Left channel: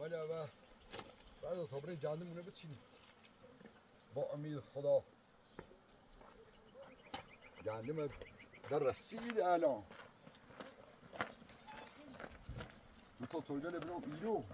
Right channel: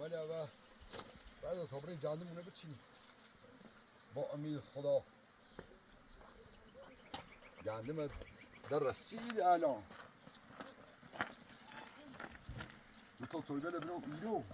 عمل اول بعد تمرین گندمونه بچینیم با امید خدا. گندم در رسید الان تو تویبه لبرو ایلو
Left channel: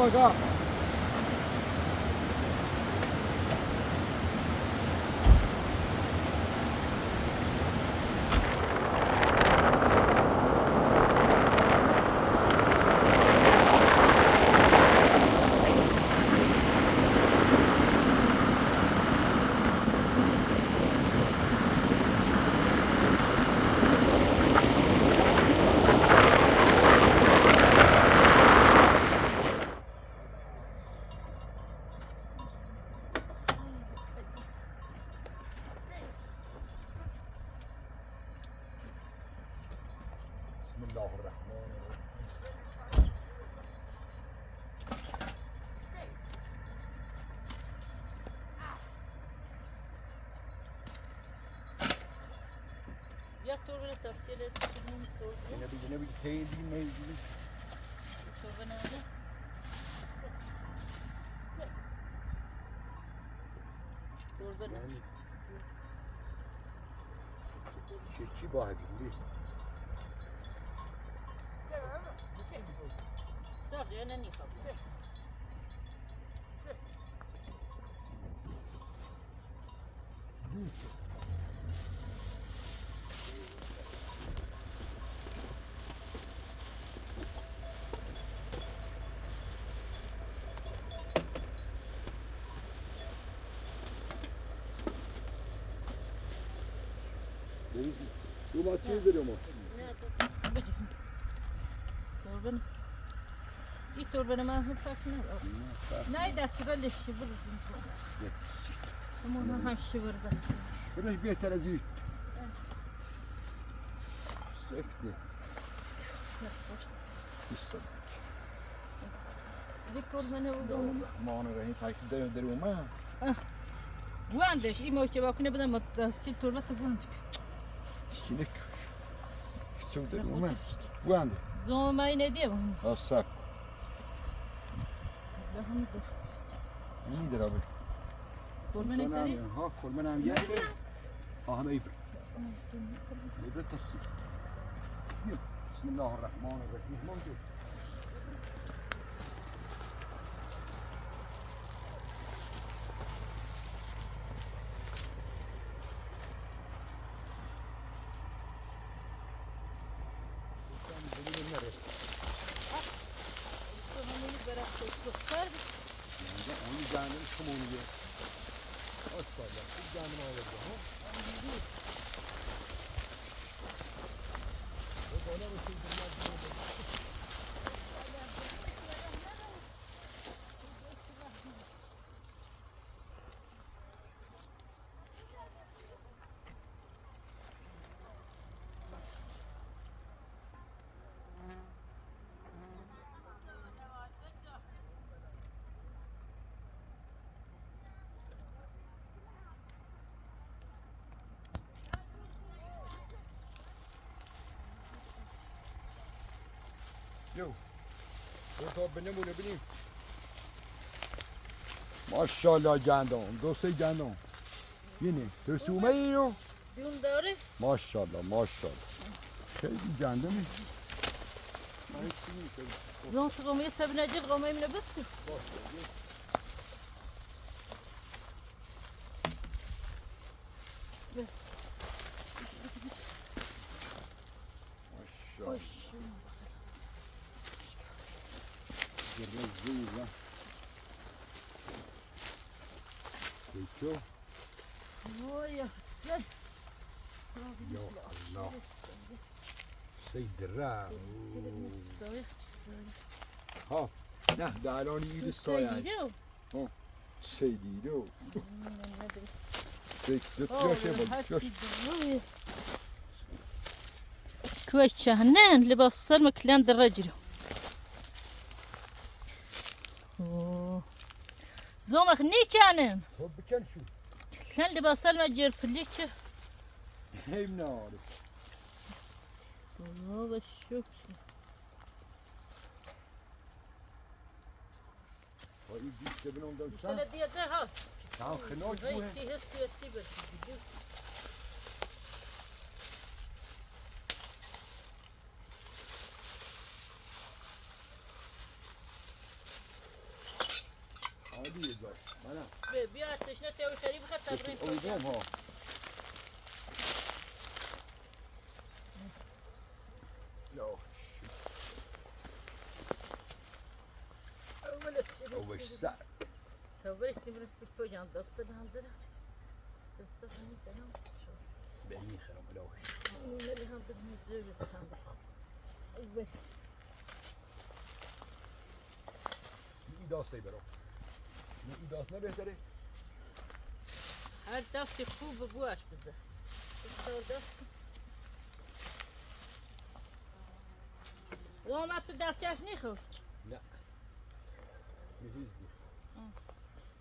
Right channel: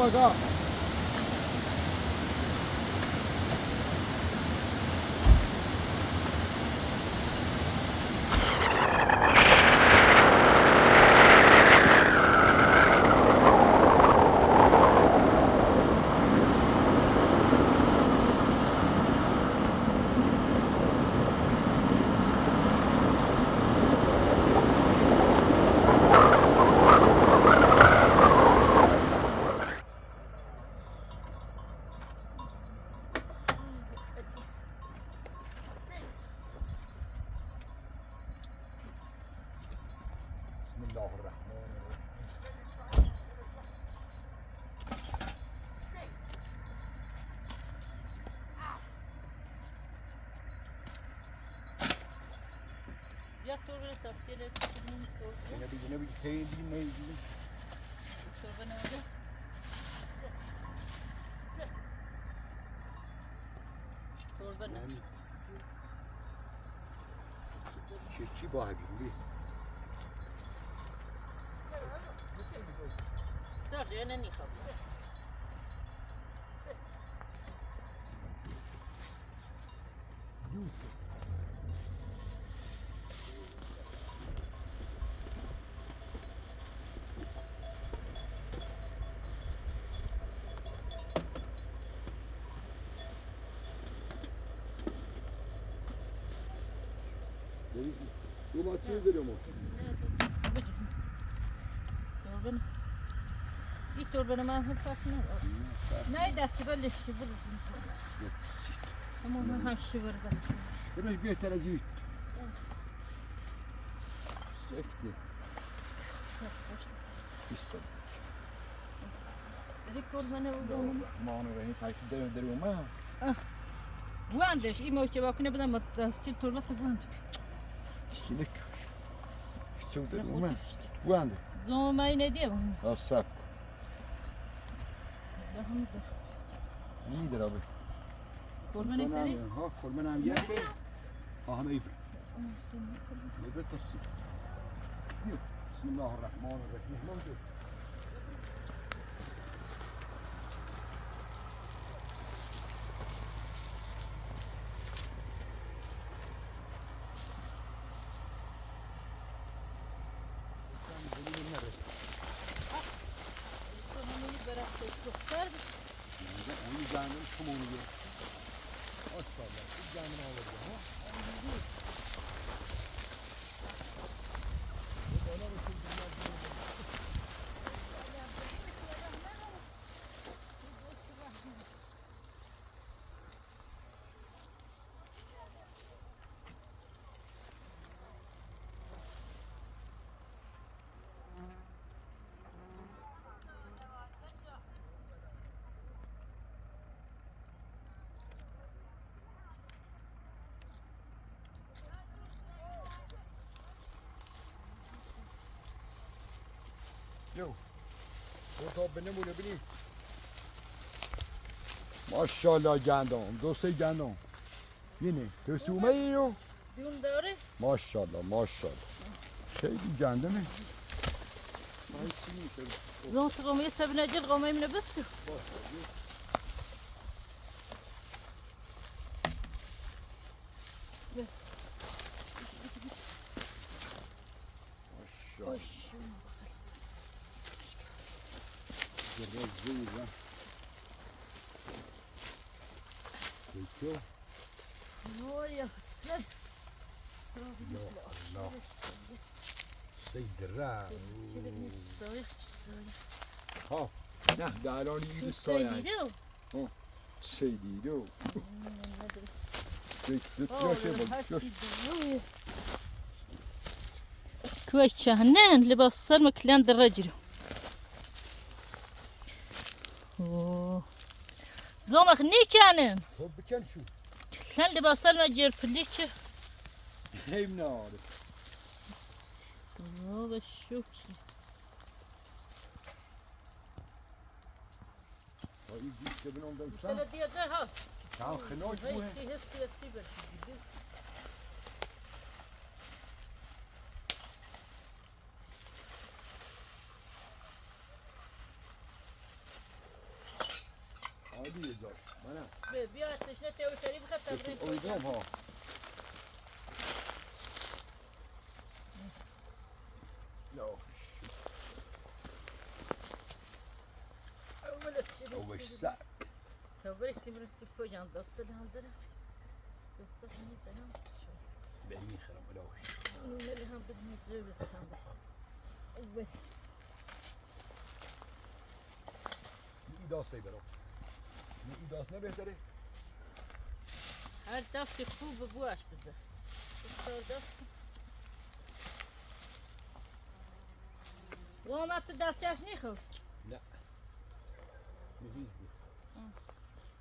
Maga. Yine bir teyir diyeyim ne diyeyim. Çiçi bahçeli. Sergio, ne nicho? Bu maçı görüyor mu? Torbanı. İlk torbanı ben hep satmıyor. Nerede şiverli şiver? Ama ona şiver bas. Biraz bir terazi. Sefti. Yapacağız. İşte. کل منه و گم الرحمن الرحیم تاکید در اومد گواندش این موشه باکنه بدم دستی تربت گواند شیلک شو در اومد گوانده زوم اینه دیم سب این در آبی کل منه تری ها کل منم یکی همه ایبر ایبر تصی بسم الله الرحمن الرحیم موجود جو تو بنمونه ببینیم ماشاءالله گندم دو سه گندم اینه ترسومه ای رو دون داره ماشاءالله ماشاءالله خیلی گندمه راست قومه سبنا جل قومه منه بس زیرا پکه وای حسن یا الله سیدرا چیلی نیستای ها نه درانی ایده سایه سیدیدو كويس شهنان لباس سلمى كلان الرجل زومك ني كانن بكن شو كان لباس سلمى جير فليتش هي منعرف هذا الشوك طيب دي كبنهم ده سنة دي ده تعال خناش بوه عادي يا جار انا بيا تشنه تاو شريف خد تبرين اويدهم ها لا اول ساعة تبريش تمرسك فوجان دوست ده هم ده دوست هم ده هم بعيني خرب لوش اللي هم بدهم يتزوجوا تسامح أول ایداست ای برام نه ایداست نه بهتره هر دستی خوب بواش بده دست وامت دستش نیخو لا مهيزني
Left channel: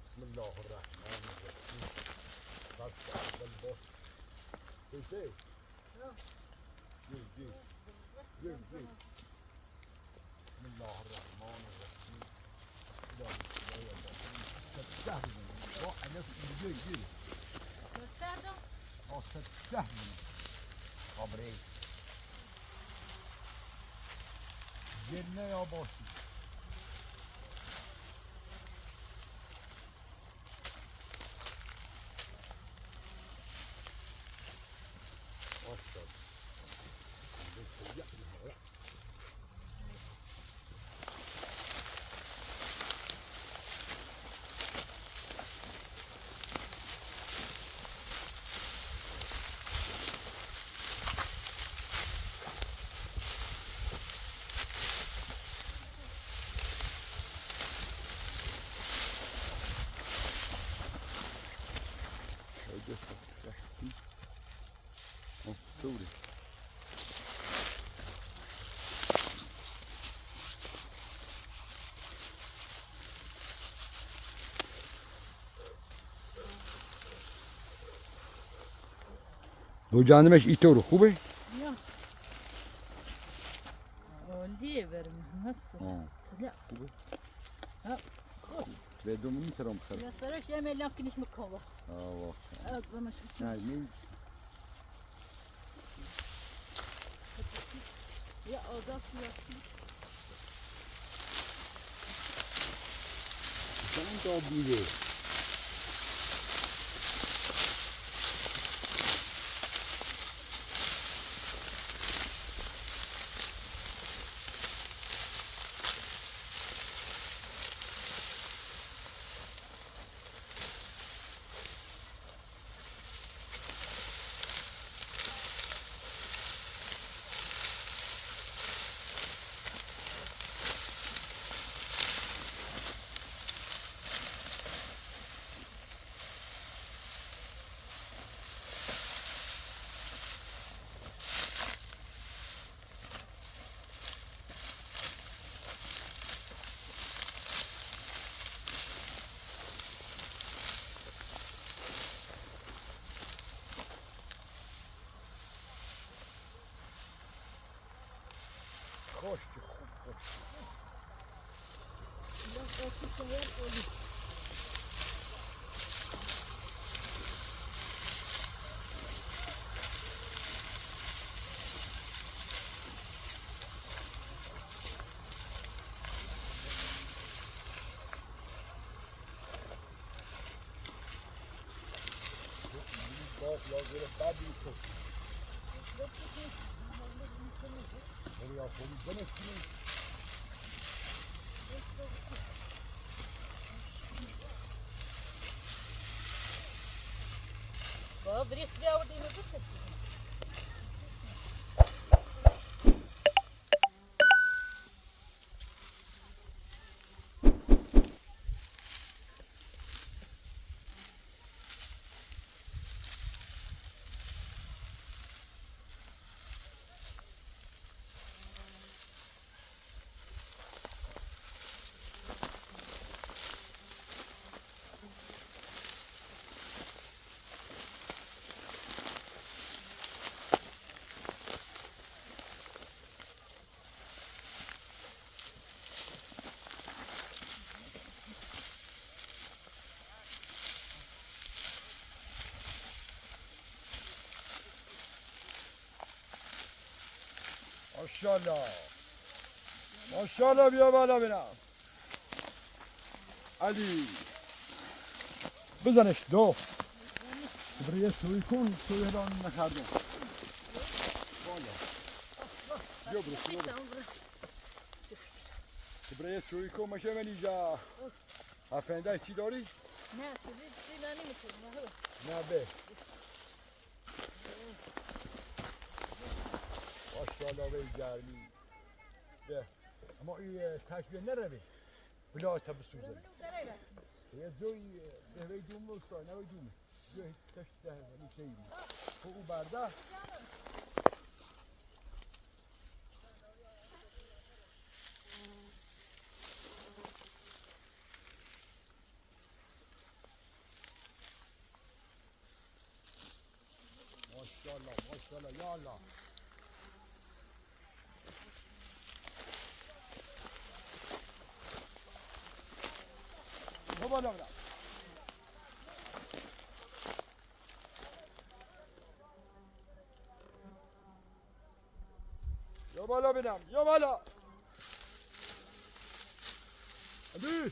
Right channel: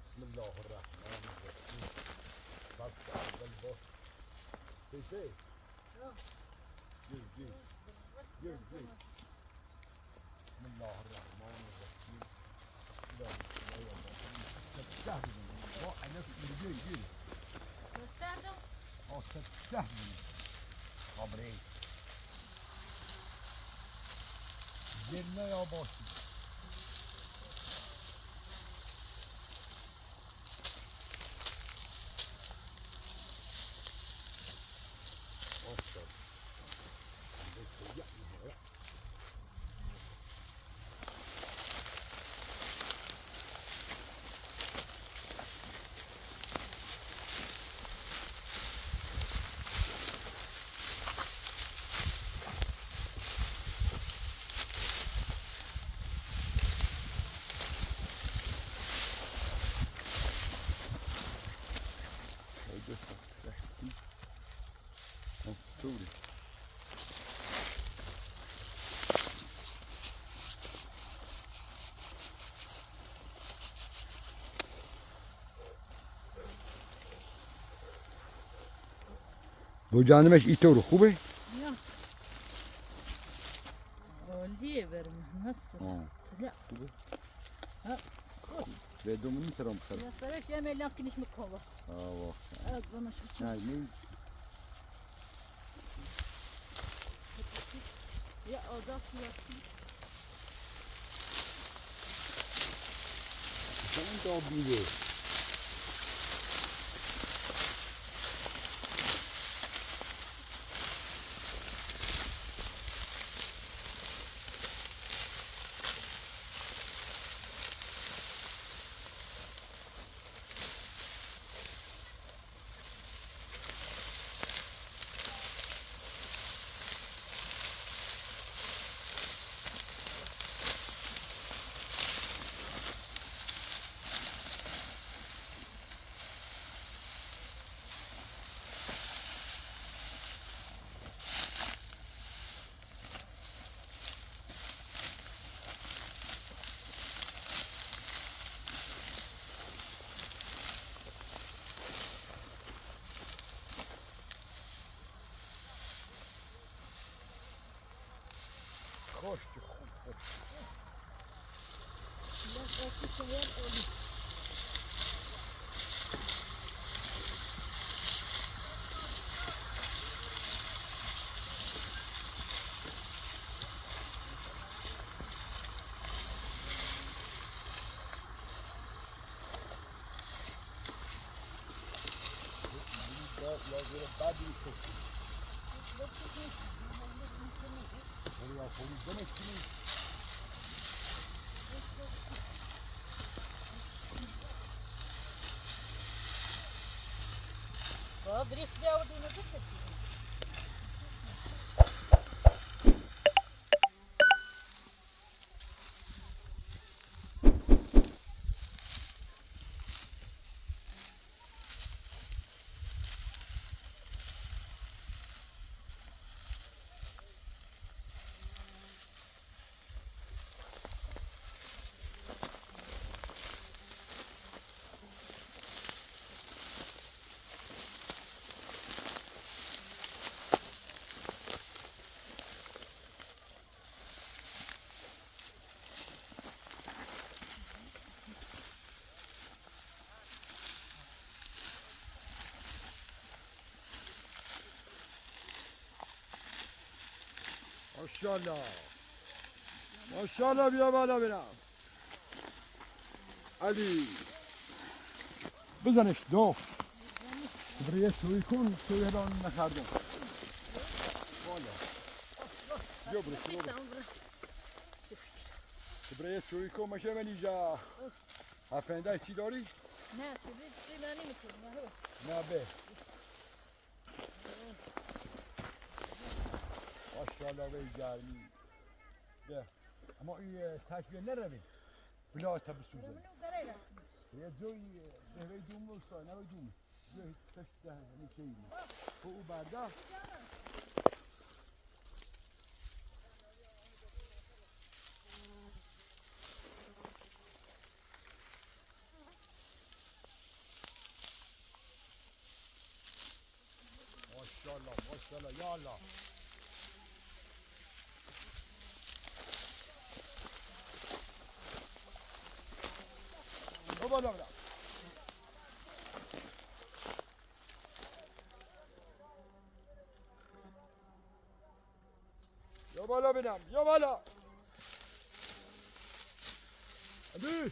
بسم الله الرحمن الرحيم فتح الباب ايه جي بسم الله الرحمن الرحيم تستهدف انا في جي مستعدم تستهدف خبري جنة يا باشي دو جانبش ایطور خوبه؟ یا عالیه برم هست لا خوبه؟ ها به دومونی ترام خرد یا سرش یه ملیان کنیش مکاوه واقعا از بمش بچه نه نه یا آزاد یا Sen de o biri. خوش خوب خوش. بابا بريخ جاودي ما قلت ماشاءالله ماشاءالله بیا بالا بینم علی بزنش دو برای سوی کن سوی ران نکردم بالا بیا برو برای سوی کن مشه من اینجا هفنده چی داری؟ نه چیزی نانی میکنم نه به ماشاءالله به گرمی به اما این تشبیه نروی بلا تا بسوزه یه جوی به دوم بستای نه دوم یه تشت نیستی تو او برده ماشاءالله ماشاءالله یا الله بالا بلا یا بالا بینم یا بالا علی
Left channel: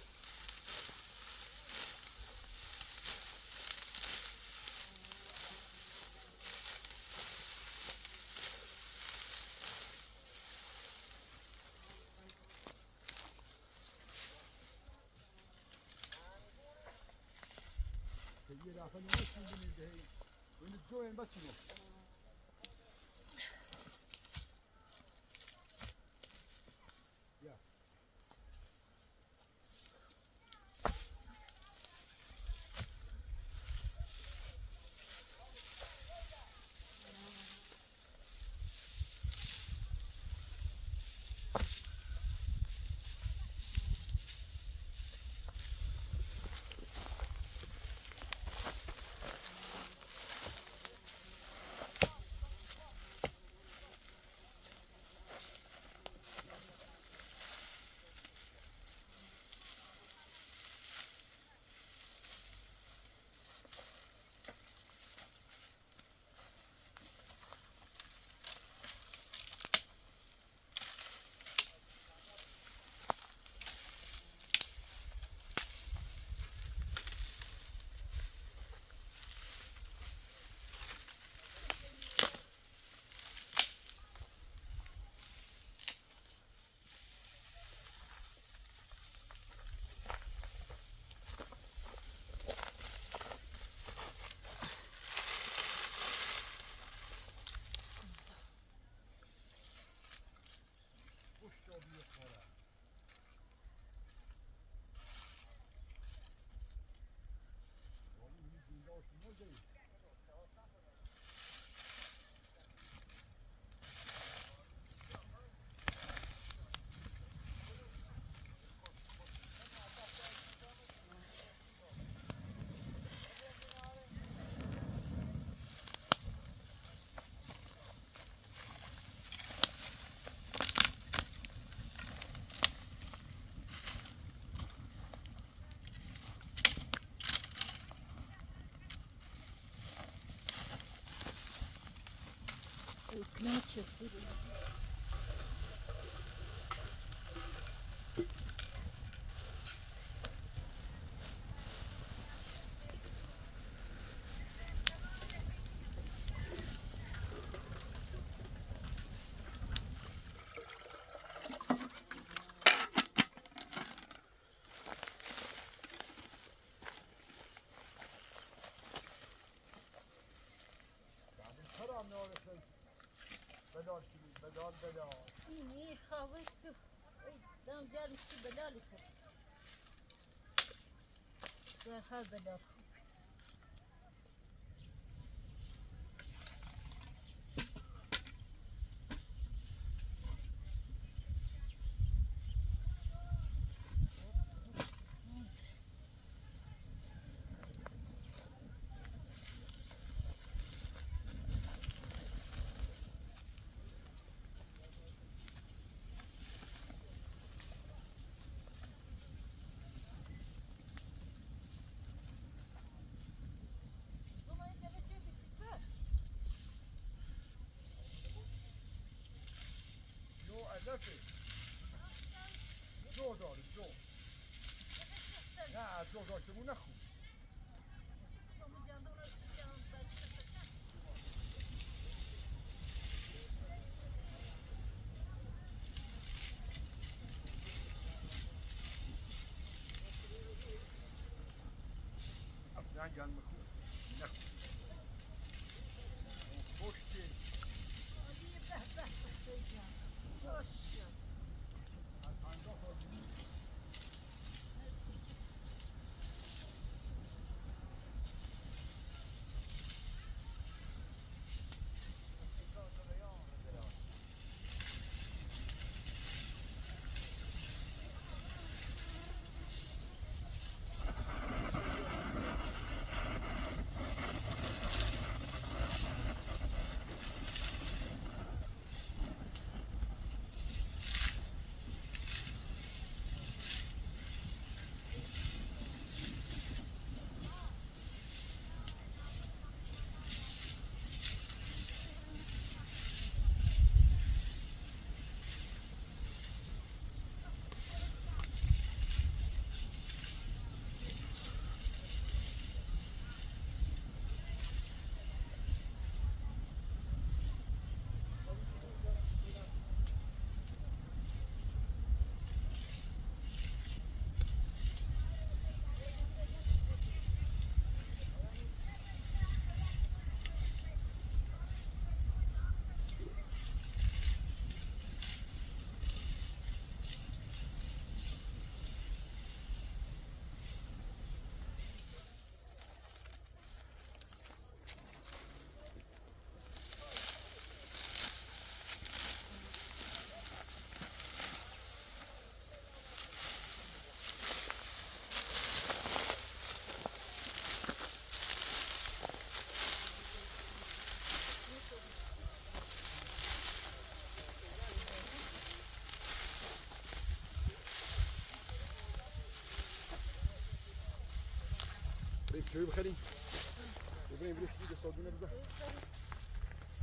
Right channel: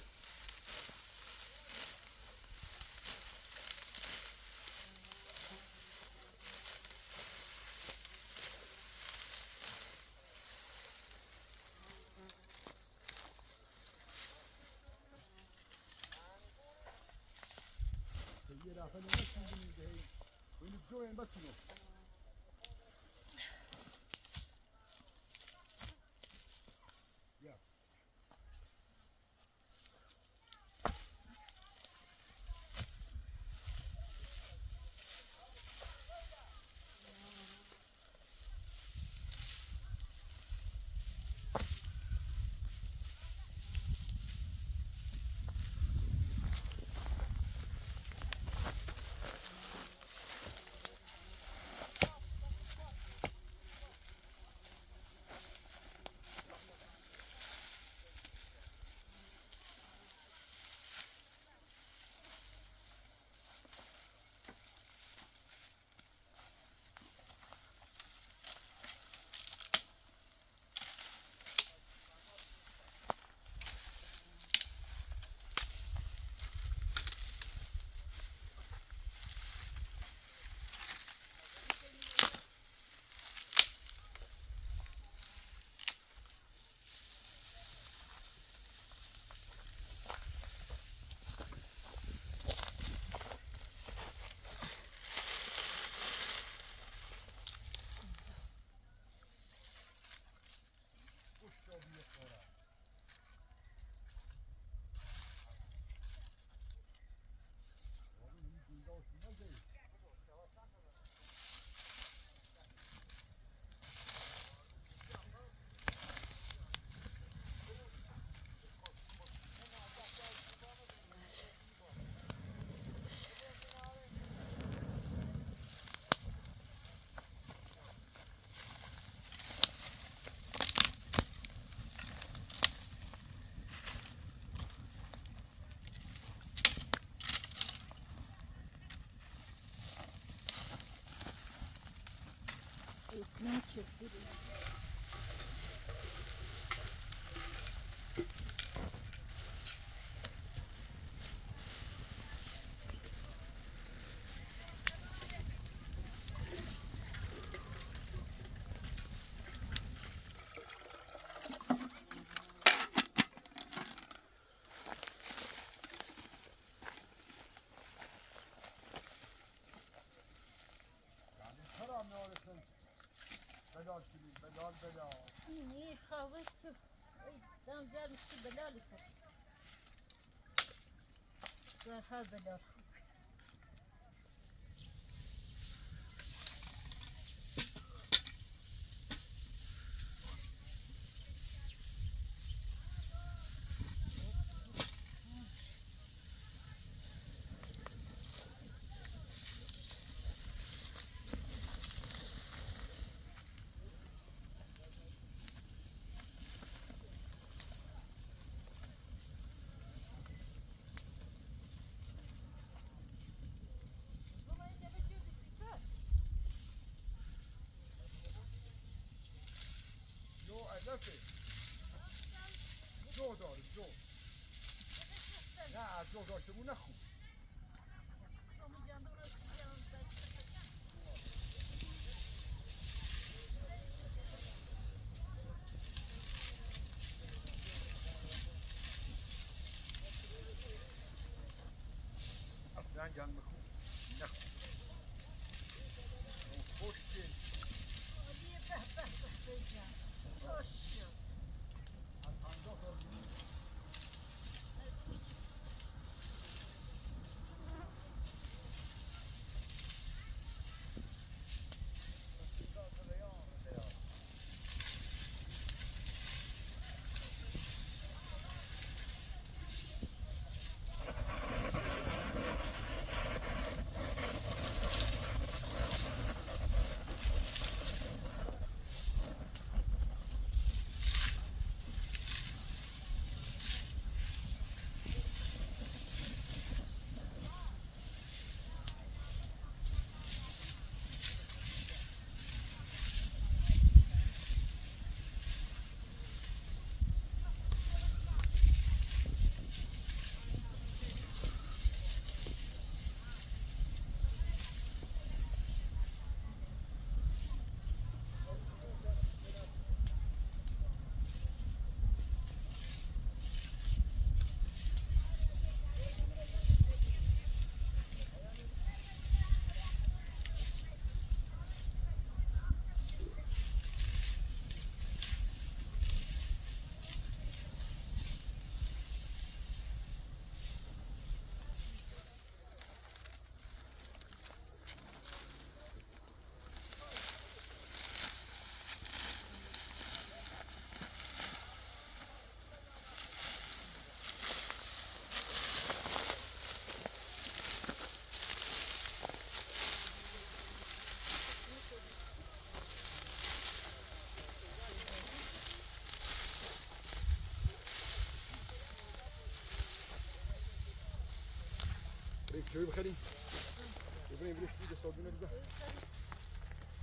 بلا اینی خواه تو دم گرمش تو بلالی کرد زهر بلال جو علفه جو داره جو نه جو داشته بود نخون اصلا گل مخون نخون خوشتی از 50 سال بود. شوي بخلي يبغى يبرش يدي صادونه بزاف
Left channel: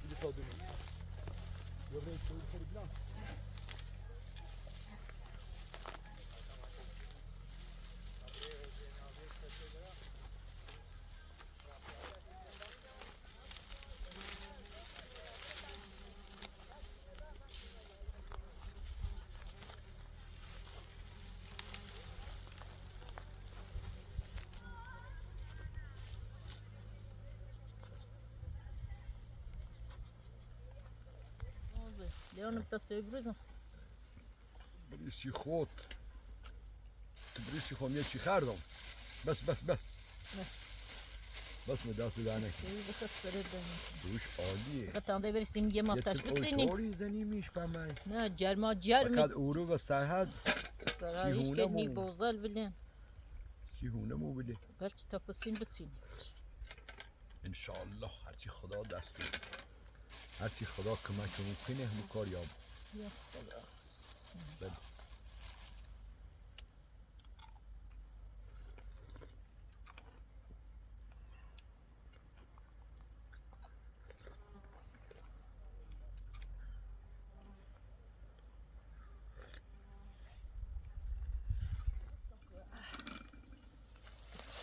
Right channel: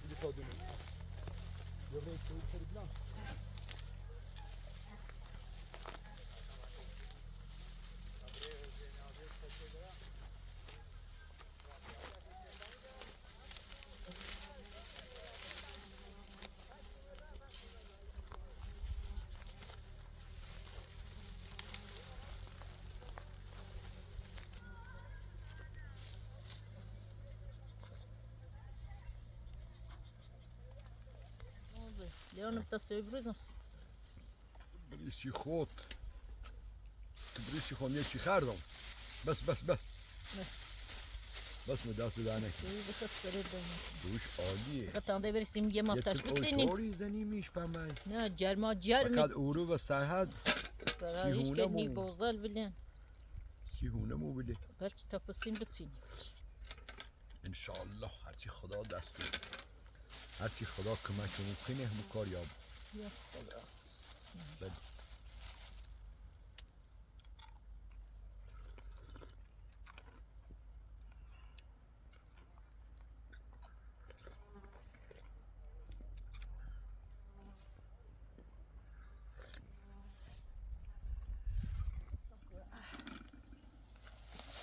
يدي صادونه يبغى شوي بخلي بلا Leon ptacy bryzą. بريسي خوت تبريسي خوم يجي خاردم بس بس مدرسة دانك دوش عالیه Attendez, برسیم یه مافتش بچینیم. اوتوری زنی میش پامای نه جرما جرمی. فقط اورو و سرحد سرایش می بوزال بلین. سیهونه مو بده برچ تپسین بچین. انشالله هرچی خدا دست بده هرچی خدا کمکمون کنه همون کار یاب یا خدا. بله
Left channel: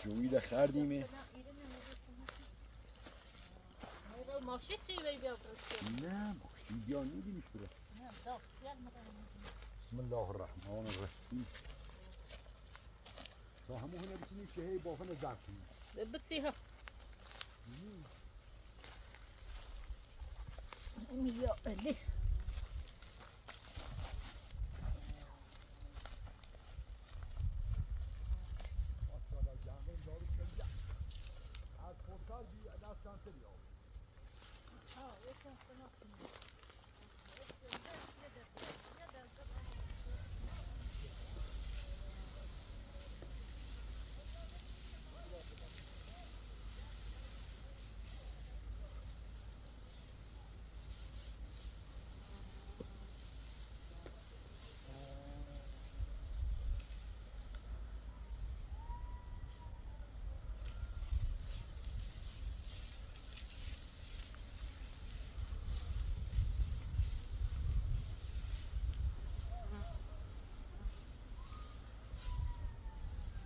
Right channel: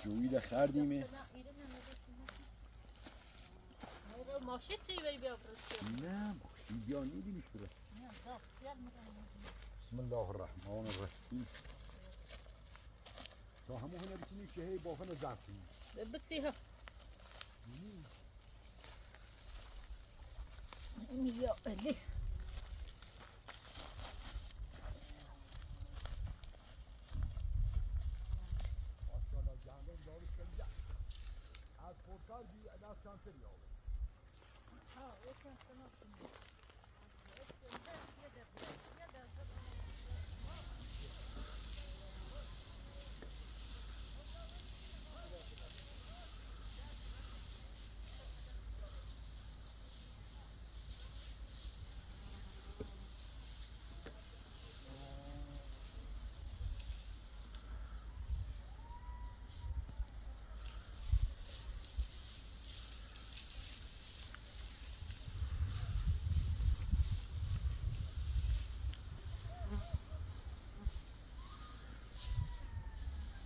جویی ده خردیمه ماشی چی بی بیا برسیم. نه ماشی بیا نیدیمش بره بسم الله الرحمن الرحیم تا همون هنه بسیمیم که هی بافن زرد کنیم بچی ها. یا علی. صار بأداة كان تريوي.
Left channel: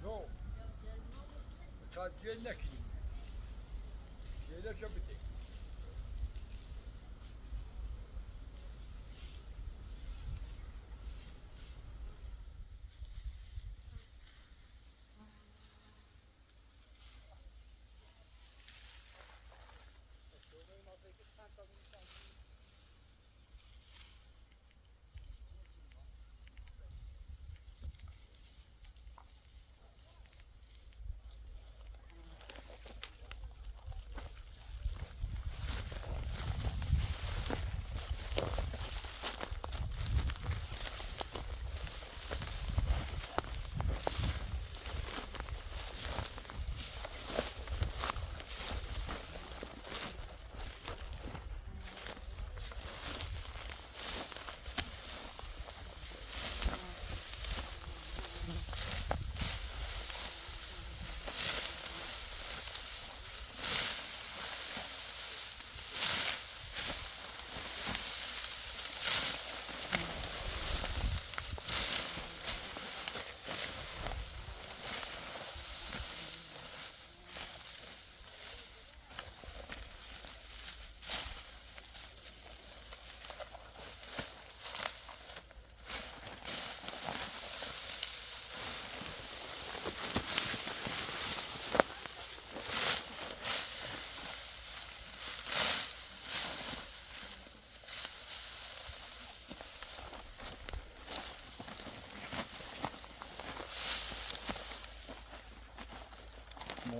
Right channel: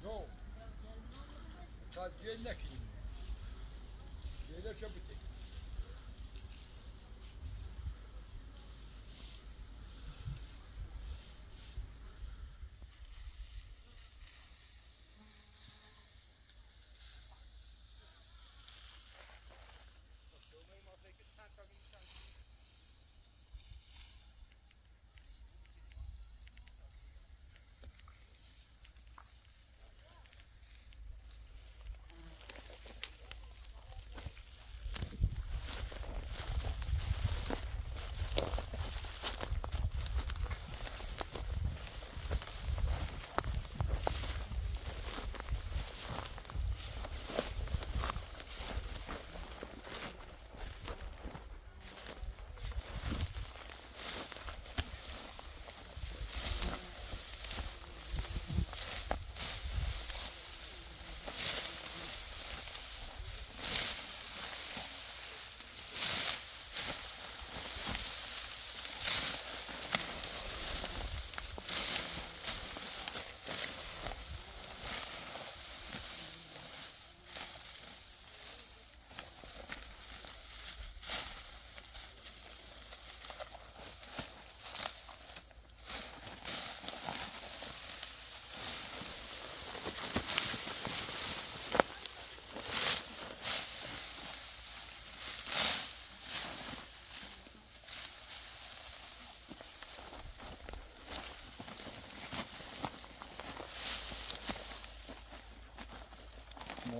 No. Kar gelnek şimdi. Gelek yapıtık.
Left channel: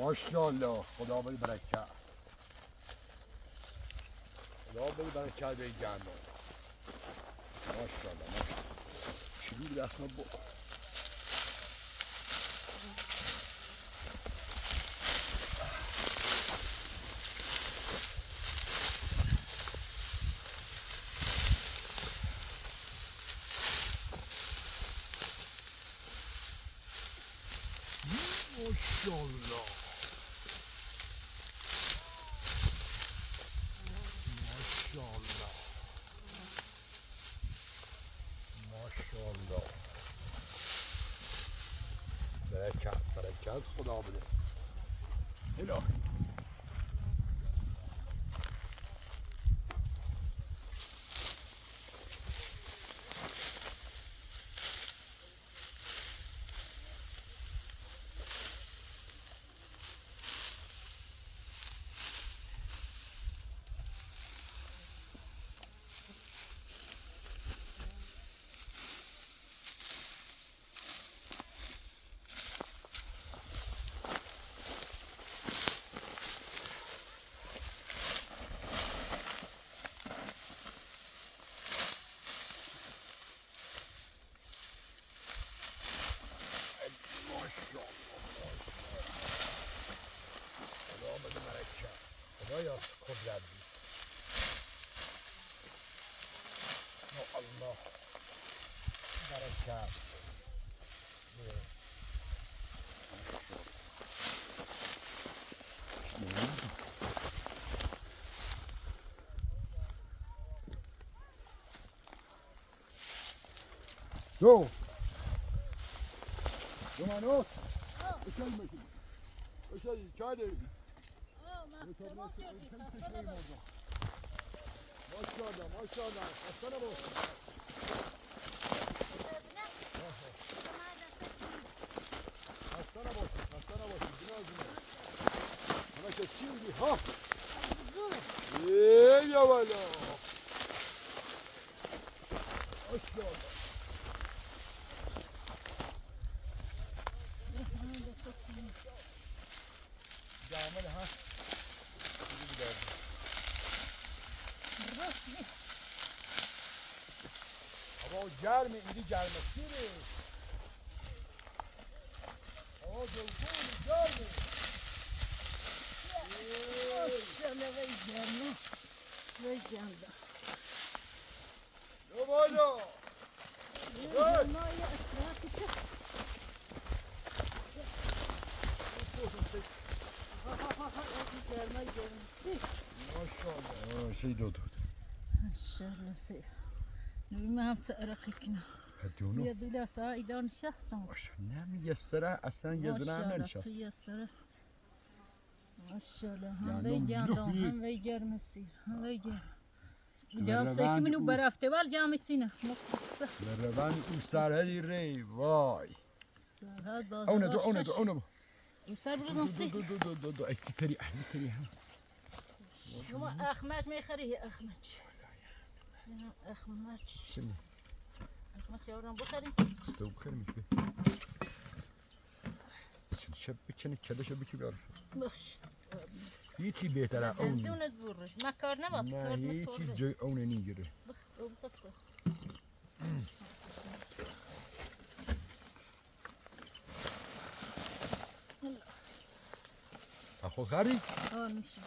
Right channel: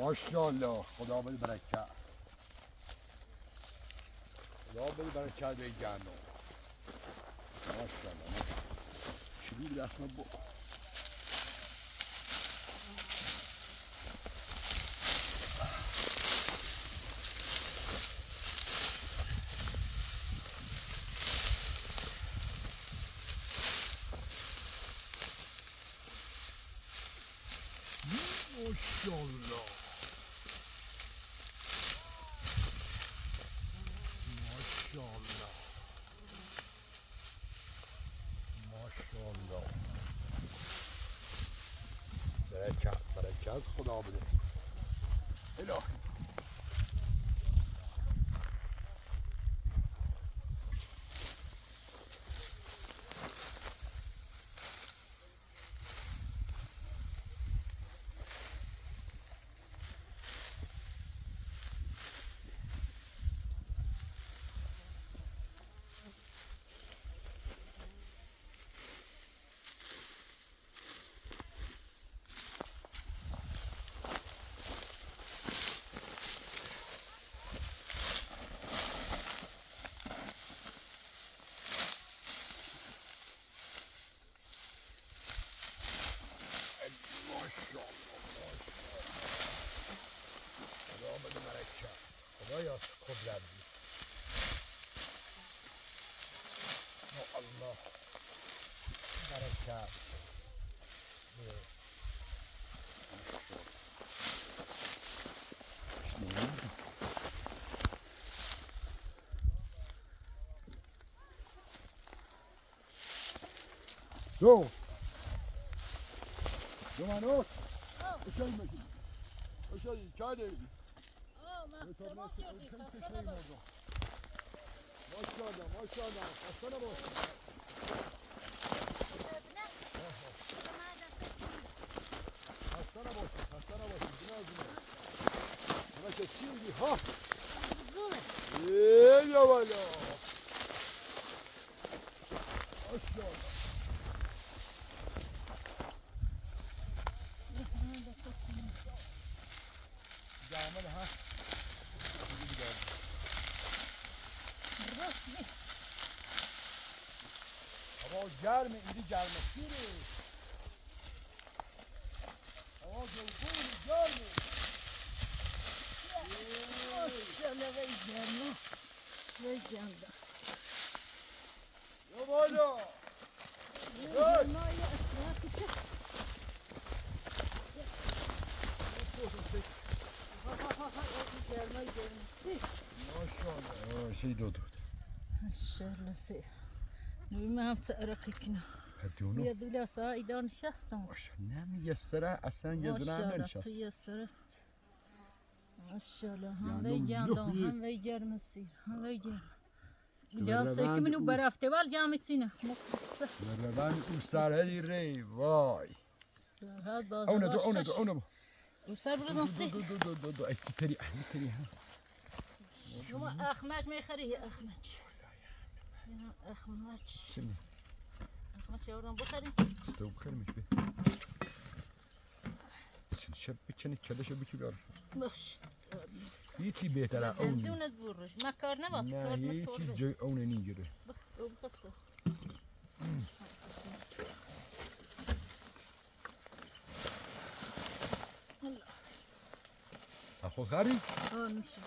ماشاءالله خدا بده برکت. خدا بده برکت به جمع. ماشاءالله. چی بود اسم با؟ ماشاءالله. ماشاءالله. ماشاءالله. برکت برکت خدا بده. الهی. خدایا قدرت بی الله برکت دو منوس اشل کاری ماشاءالله ماشاءالله خسته نباشید خسته نباشید جنازی انا که چی میگی ها یا والا ماشاءالله جامل ها گرم اینجا گرمه سیره هوا گرمه ماشاءالله وی گرمه وی گرمه یه بالا گرمه های اطرافی که گرمه شي دودو ماشاءالله سي ما هم تعرقي كنا هدونو يا دولا صايدة نشستم نمیگستره اصلا یه دونه هم ننشست تيسرت ما شاء الله هم وی جاندم هم وی گرم سیر هم وی گرم جاسه که منو برفته بال جامت سینه مروان او سرهی ری وای اونه دو سر بردم سیر دو اکی تری ها شما اخماج میخری یا اخماج اخماج سنی اخماج یاردم بخریم استو بخریم به سن شب بچنی کده شب بچی بیار باش هیچی بهتره اونی دونت برش ما کار نباد نه هیچی جای اونه نیگره بخط خود خری؟ میشه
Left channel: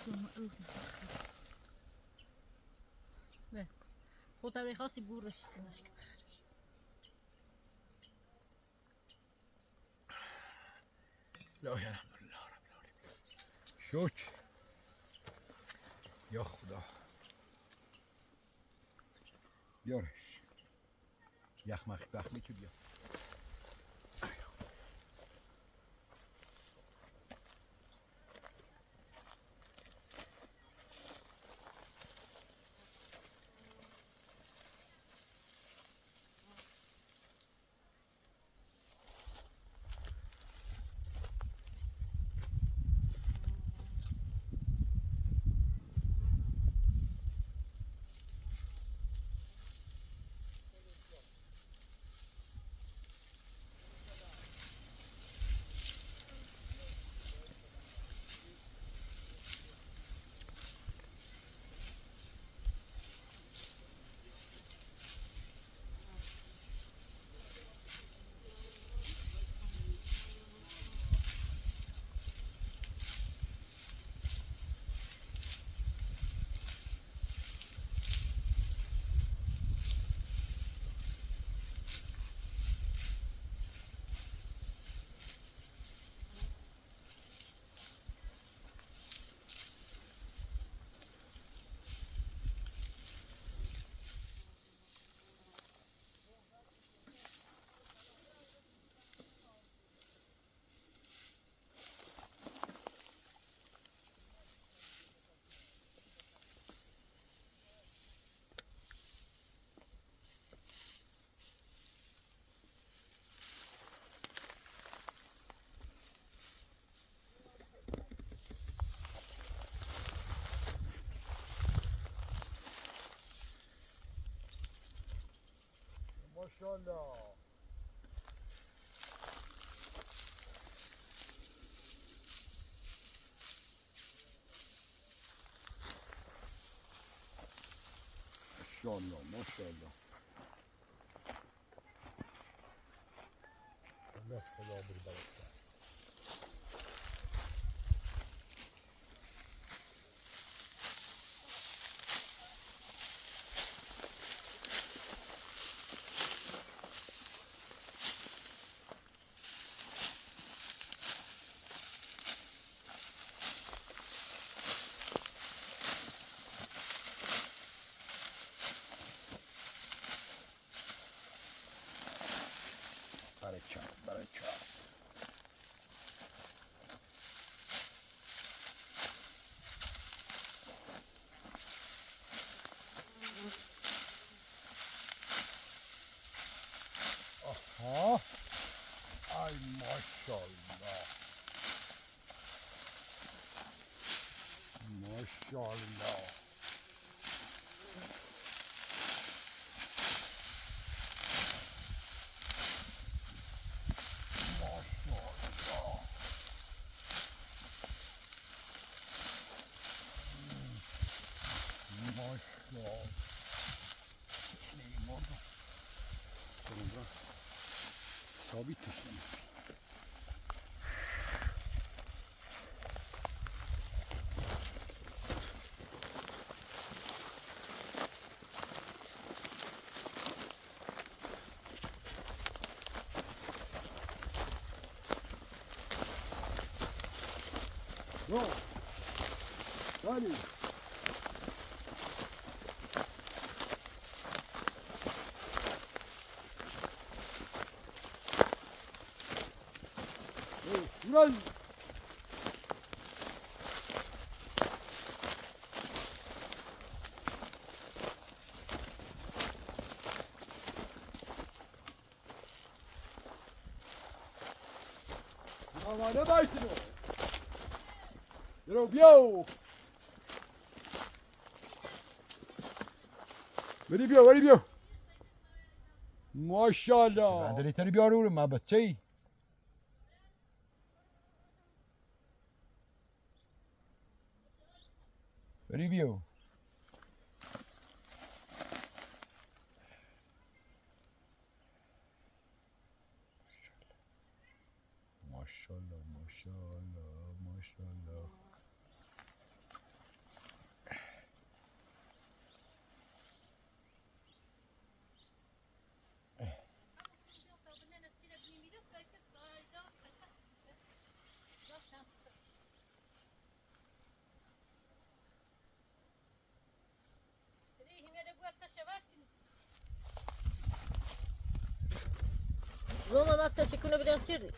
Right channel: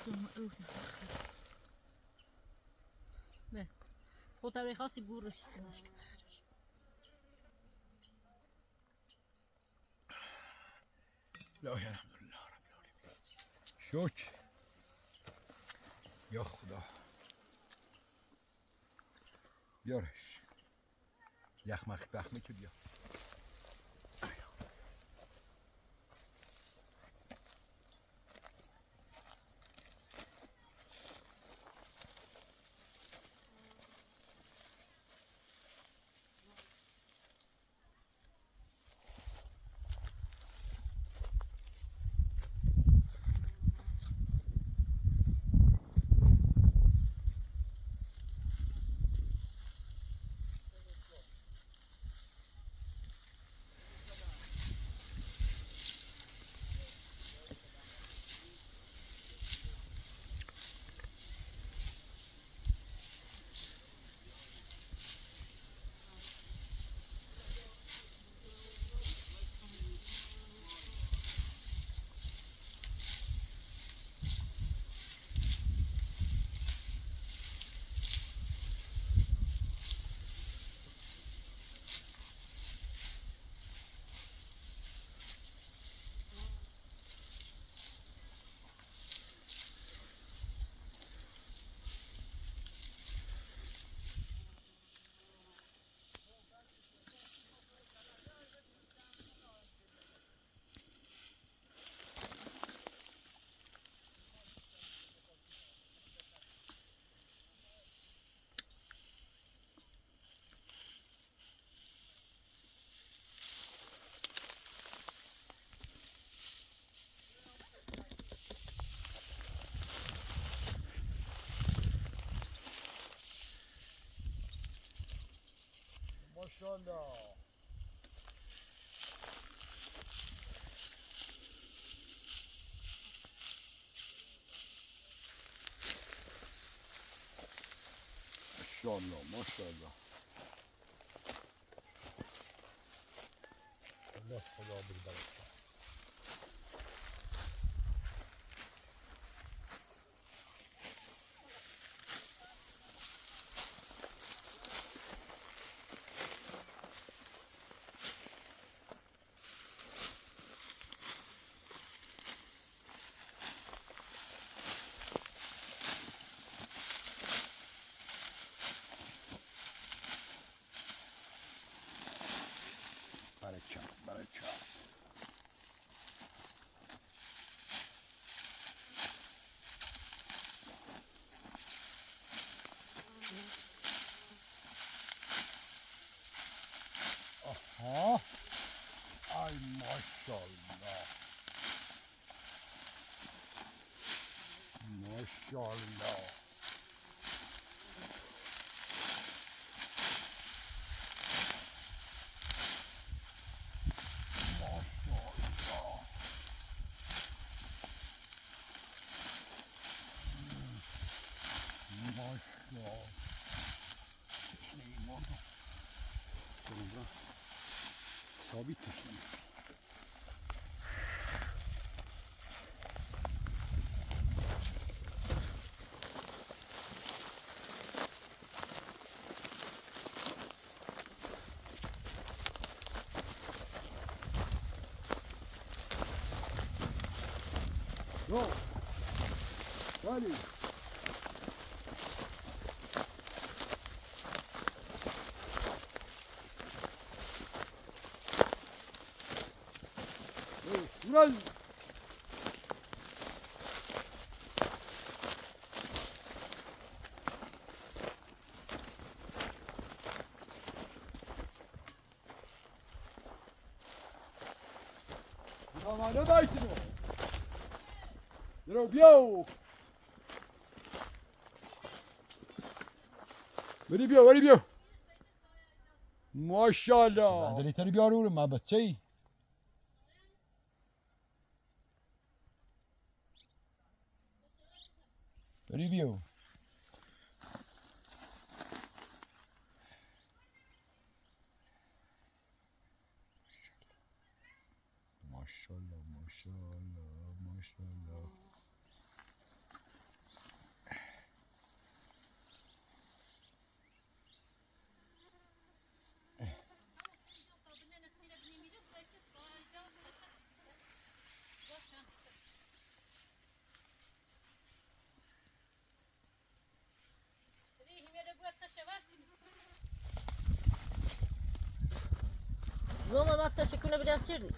به خود طبعی خاصی برش لا الحمدلله رب العالمین شکر یا خدا بیارش یخمخ بخمی که بیا ماشاءالله ماشاءالله الله خدا بالبرکت برکت آها ای ماشاءالله ماشاءالله ماشاءالله ثابت کشید. No. Hadi. Ulan. Ama ne baysın o? Yürü biyo. Veri biyo, veri biyo. Maşallah. Ben de literi bir arıyorum ha bacayı. Review. Maşallah, maşallah, maşallah. Zoma bak şekune biraz çirdi.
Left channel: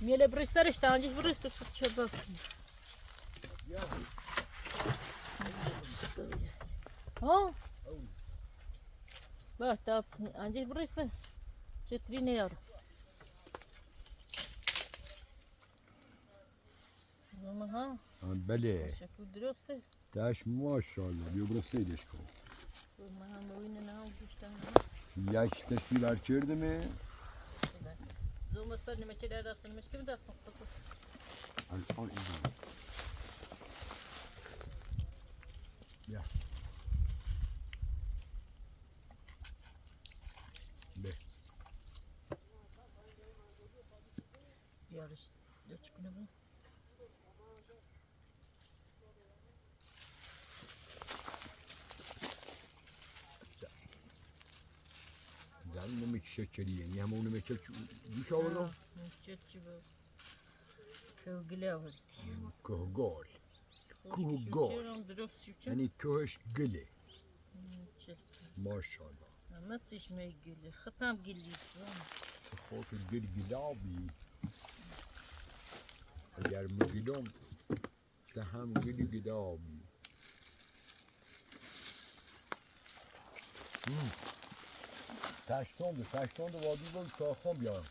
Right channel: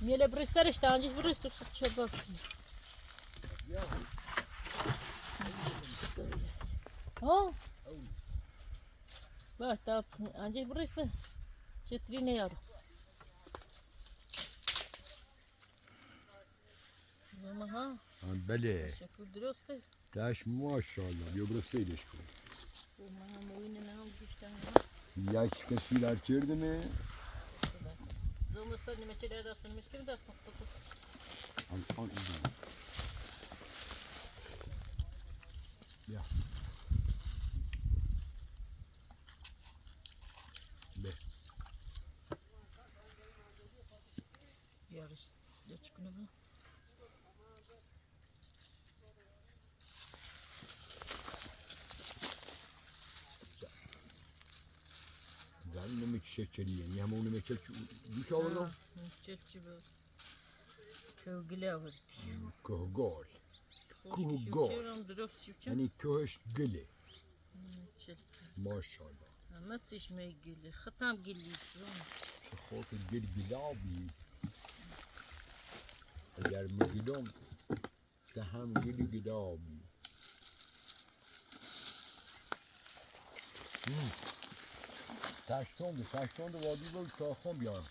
Miele bristare sta anjis bristu çabuk. Ha? Bak ta anjis bristu. Çetrine yar. Zoma ha. Bele. Şekil درسته. Taş maşallah. Biyografiyle işte. Zoma ha moyne ne olmuştan. Yaş tasvirler çirdi mi? Zoma sen ne meçeler dersin kim dersin? Al izle. Ya. Be. Yarış. Ya çıkına mı? Ben mi çiçekçiliğim? Ya onu mu çiçek düş avurdum? Çiçekçi bu. Kövgüle avur. Kuhgol. Kuhgol. Yani köş gili. Maşallah. Ama çeşme gülü. Hatam gülü. خاطر گل گلابی اگر مگلم دهم گل گلابی تشتون ده وادی بود کاخم بیان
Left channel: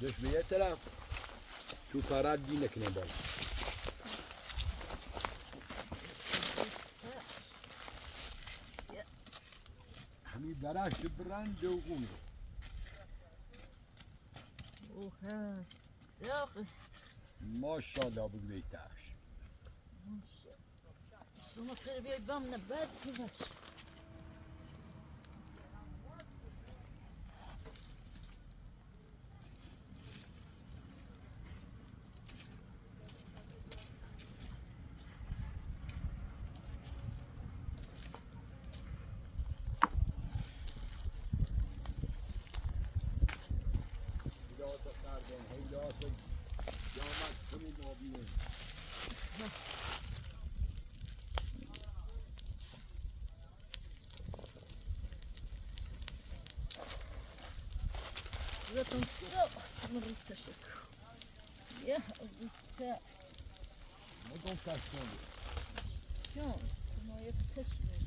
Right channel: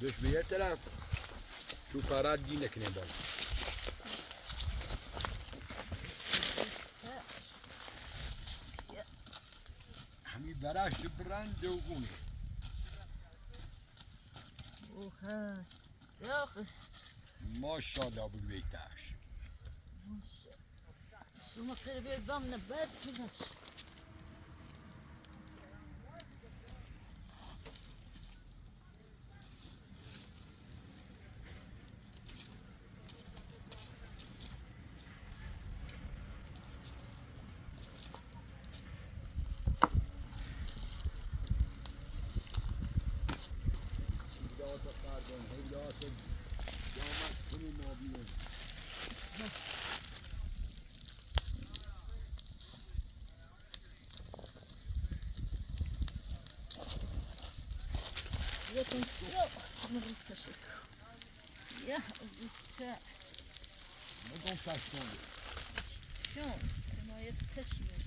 دش به یه طرف چو کارت دی نکنه بال همی برش برند و گونه Oha. Yok. ماشاءالله بود بیتش Şunu terbiye edmem ne berkiler. Zaten yok. Mırık taşı. Ya güzel. Ne kon taştun Yok. Ama hep taşıyor.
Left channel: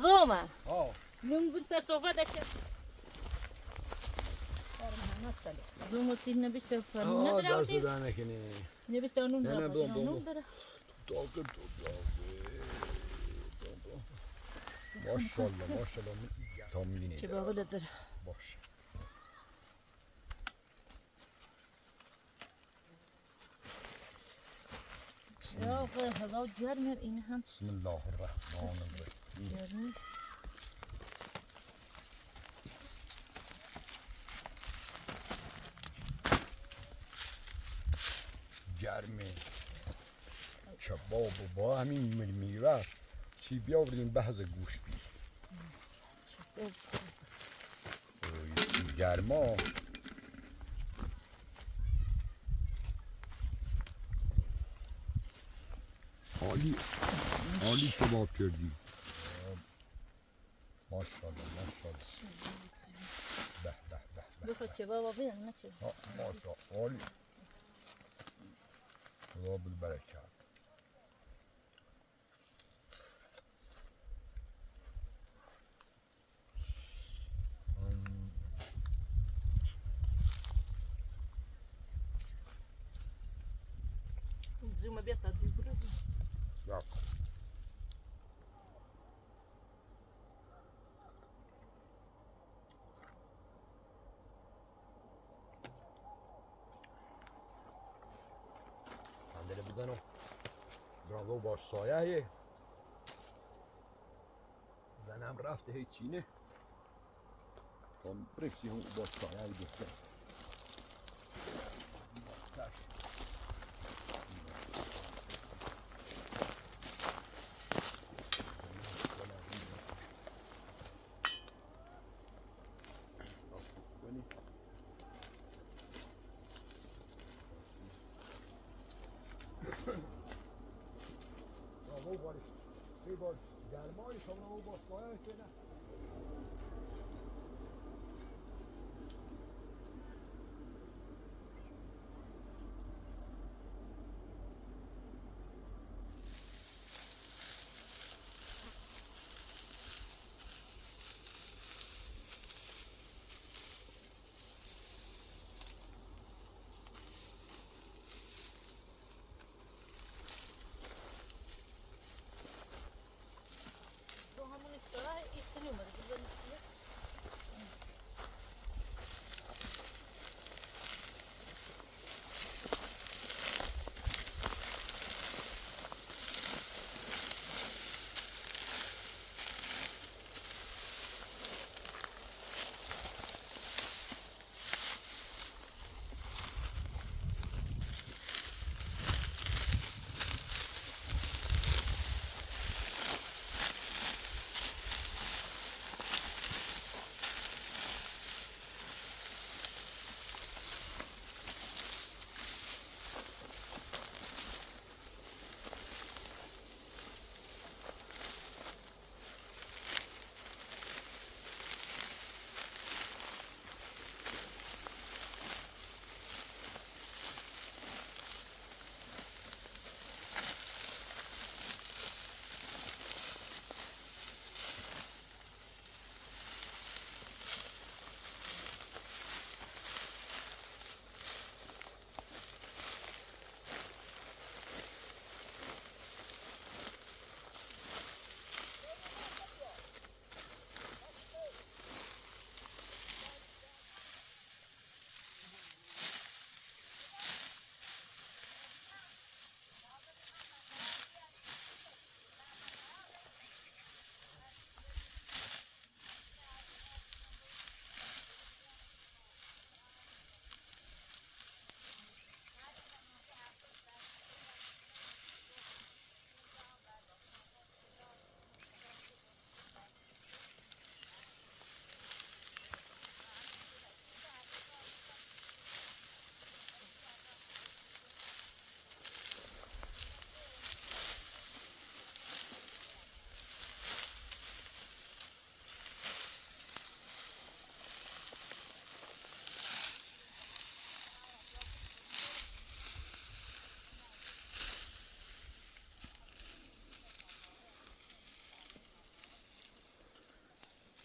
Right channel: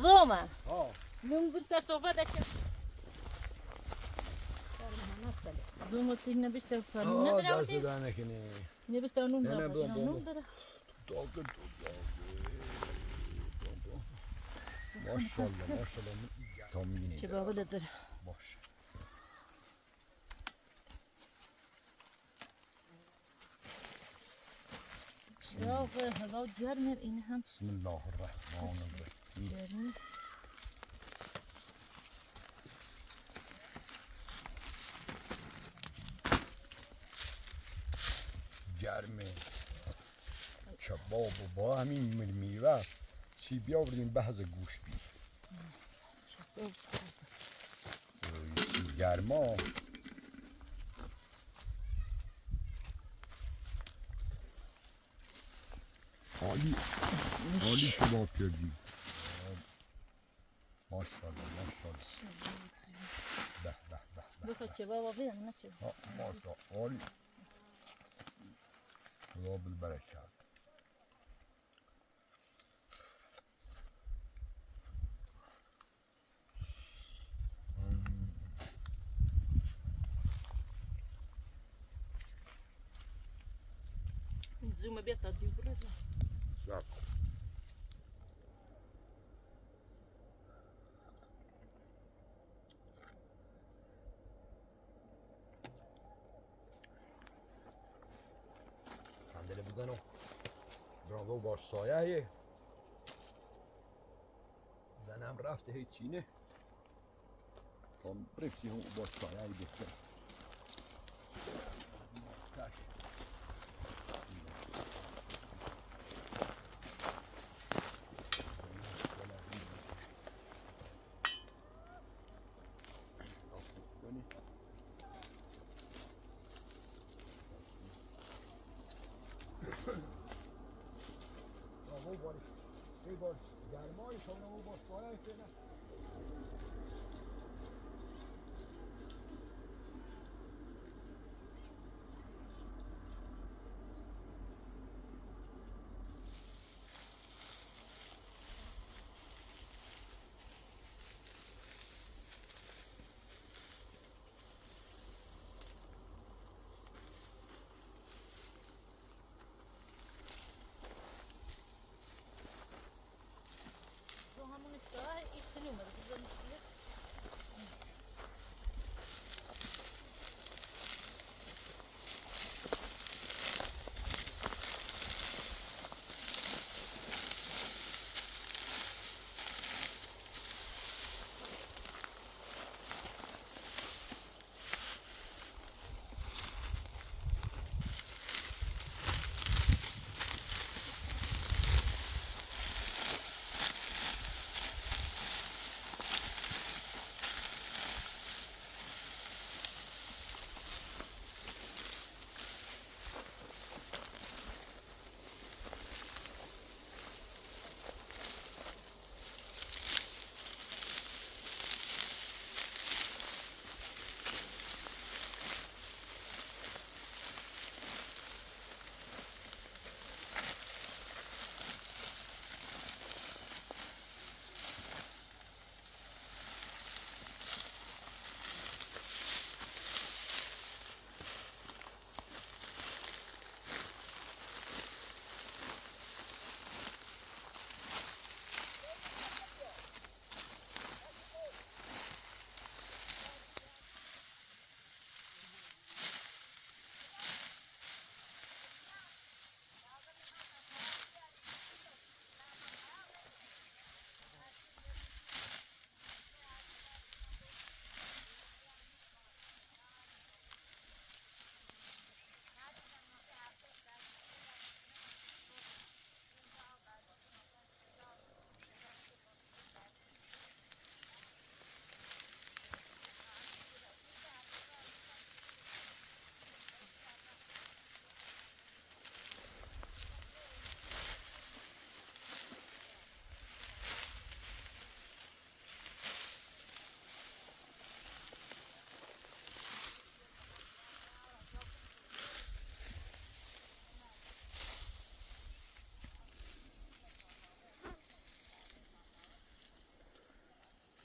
Zoma. ها Mungkin sa sofa dah cek. Zoma tin nabi sta fan. ها دست در نکنه Nabi sta nun Ne, ne, dah. bu, bu, Nun bu. dah. Doldur maşallah maşallah tam yine Coba aku dah. baş چراغ هوا گرمه این هم بسم الله الرحمن الرحیم. گرمی. گرمه کباب و با همین میوه چی بیاوریم بحث گوشت چی گرما حالی کباب کردی ماشاءالله ماشاءالله به به به بخواد چه بابا بیدن نه چه ماشاءالله حالی خدا بالبرکت. زوم بیاد تا دیو برد Ja. Kandili buzano. Bravo baş sayayı. زنم رفته هیچی نه. Tam brekçi هم baş sayayı bekle. Bravo Barış. Hey Barış. Gelmeyi sonra o başlaya etene. تو همون افترا ایستی نومده بزن ایستی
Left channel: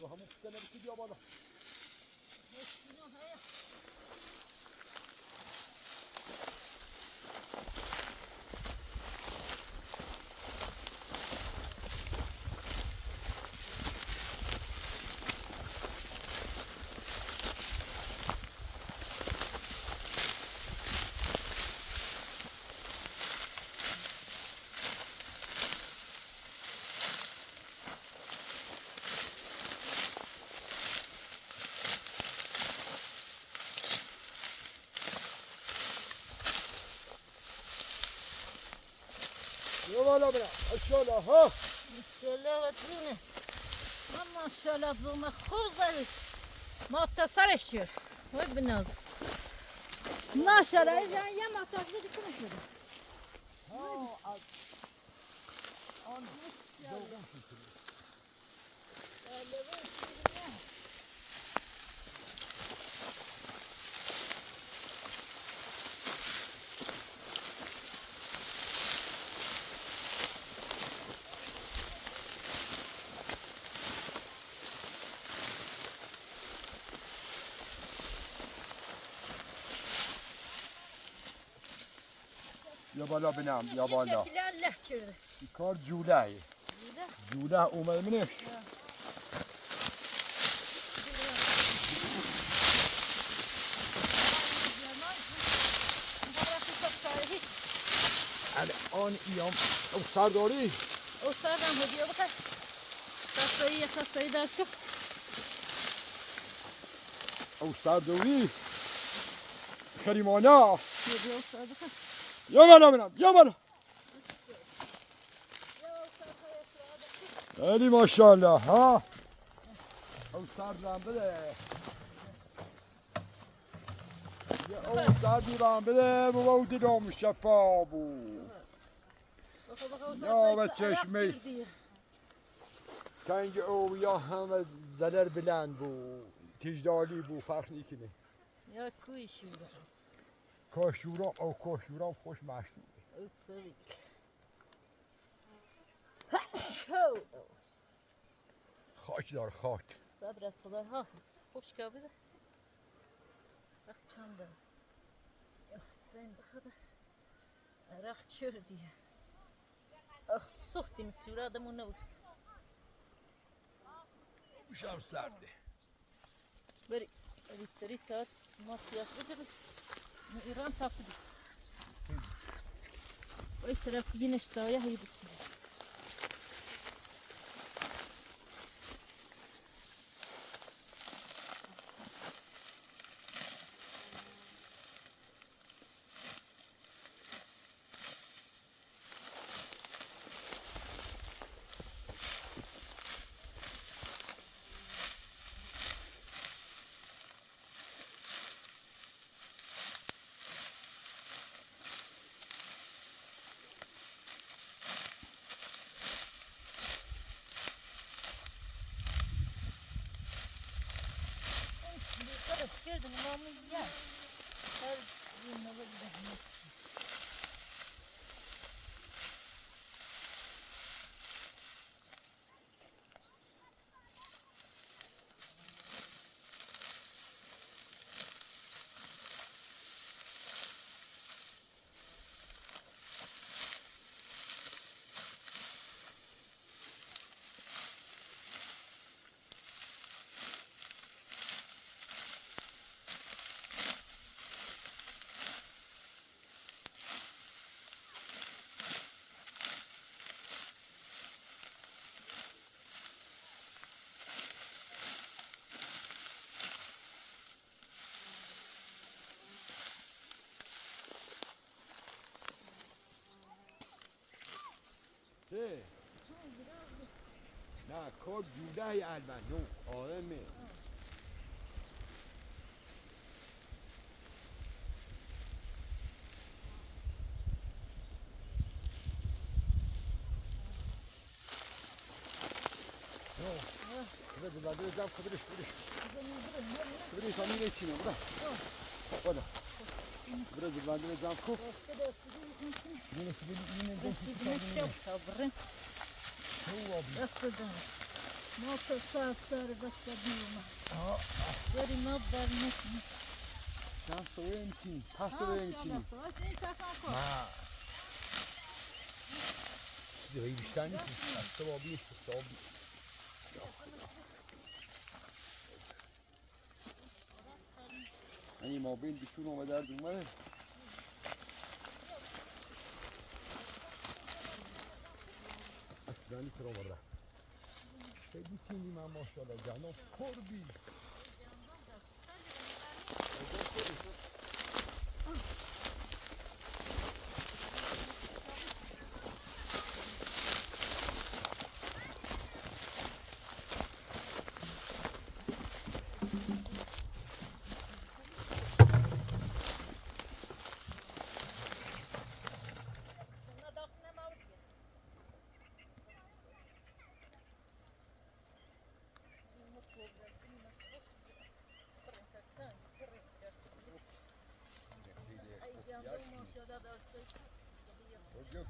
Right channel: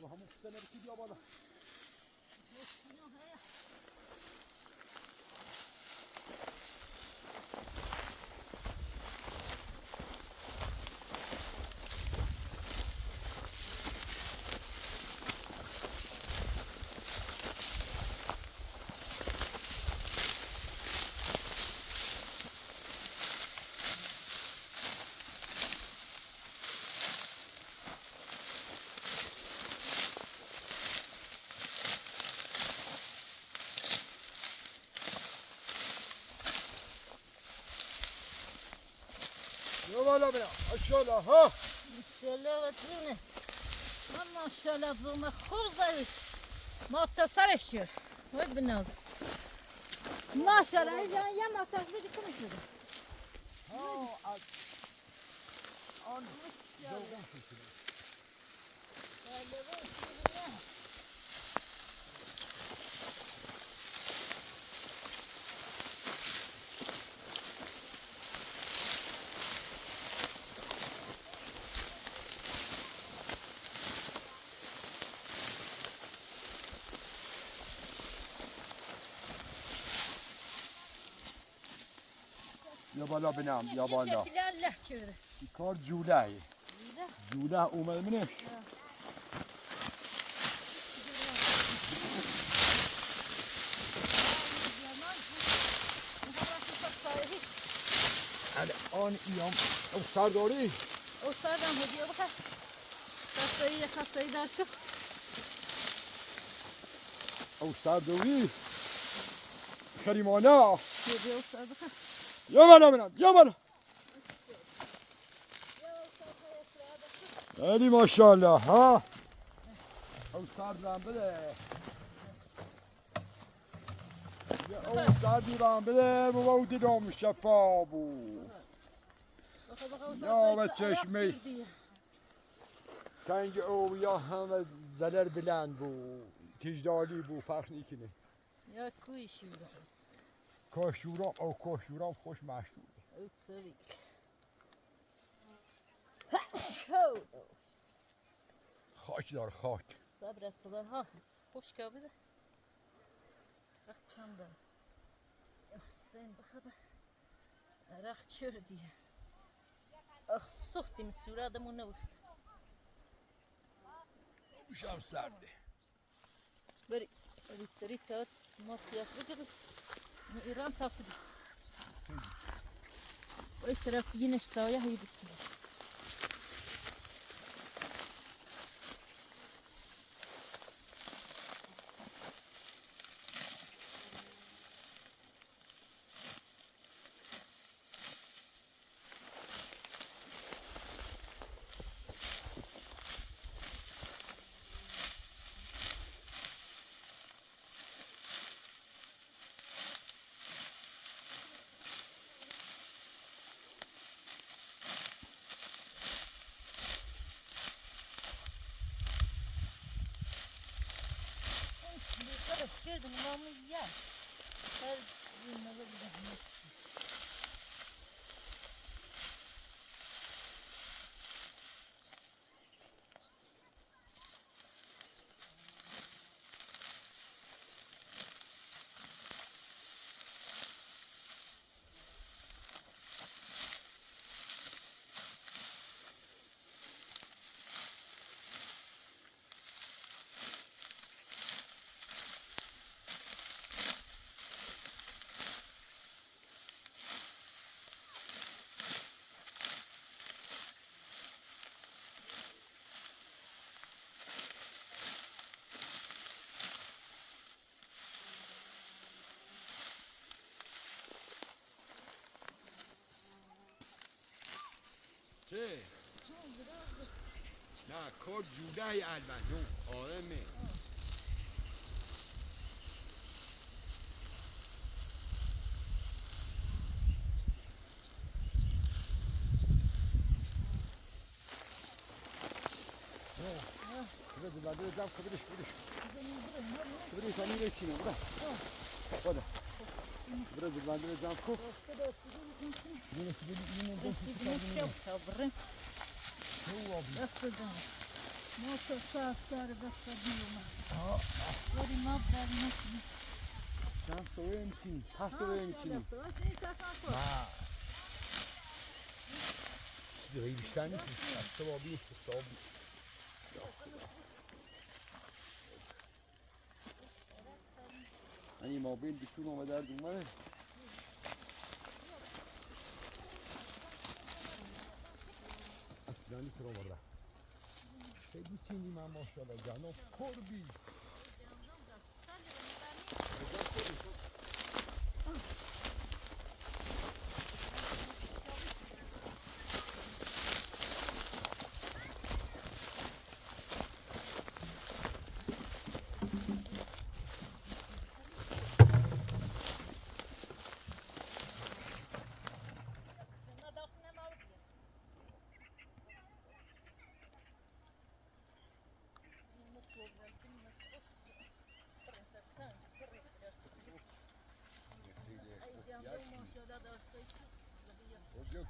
Bu hamur sistemleri gidiyor bana. بالا برم اشالا ها ماشاءالله و جونه من ماشاءالله زوم خوب زدی ما سرش شد وای بناز ماشاءالله یه ما تزدی کنه شده یا بالا بنام یا بالا الله چه کار جوله جوله اومه الان ایام او سرداری او سردم هدیه بکن خستایی در شک او سرداری کریمانا هدیه او سرد بکن یا بالا بنام یا بالا علی ماشاءالله ها او سردم بده او سردی بام بده بابا دیدم شفا بود یا به چشمی کنگ او یا همه زلر بلند بود تجدالی بود فرق نیکنه یا کوی شیده کاشورام او کاشورام خوش مشهور او سوی شو خاک دار خاک صبرت خدا ها خوش که بده رخ چند بره حسین بخدا رخ چر دیگه اخ سختی مسیوره آدمون نوست بوشم سرده بری تری تا ما سیاس بگیریم ایران تافتی و این طرف یه نشتایه هایی بچی Gördün mü mamuz ya? Her gün ne var? چه؟ نه کار جوده البته آرمه بده جمع کبریش کبریش هم میره چینه بده بده جمع کب ما تصاف داره بستدیم ولی ما در نکنیم شام سوی میکنیم پس سوی میکنیم ما چیزی بیشتر نیست از سوابی حسابی این موبایل بیشون اومده درد اومده اصلا نیست رو مرده خیلی تینی من ماشاءالله جناب کربی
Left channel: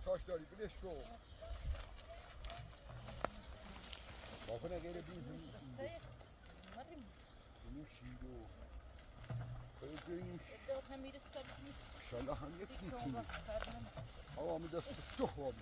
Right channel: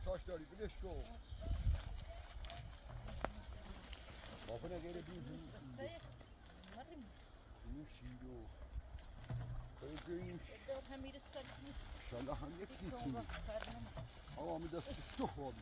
تاش داری بلش کن بافنه غیر بیزی مریم اینو شیدو بگوییم اداد هم میره سرکنی انشالله هم یک چون دیتونی وقت فرنم آقا می دست تو خوابی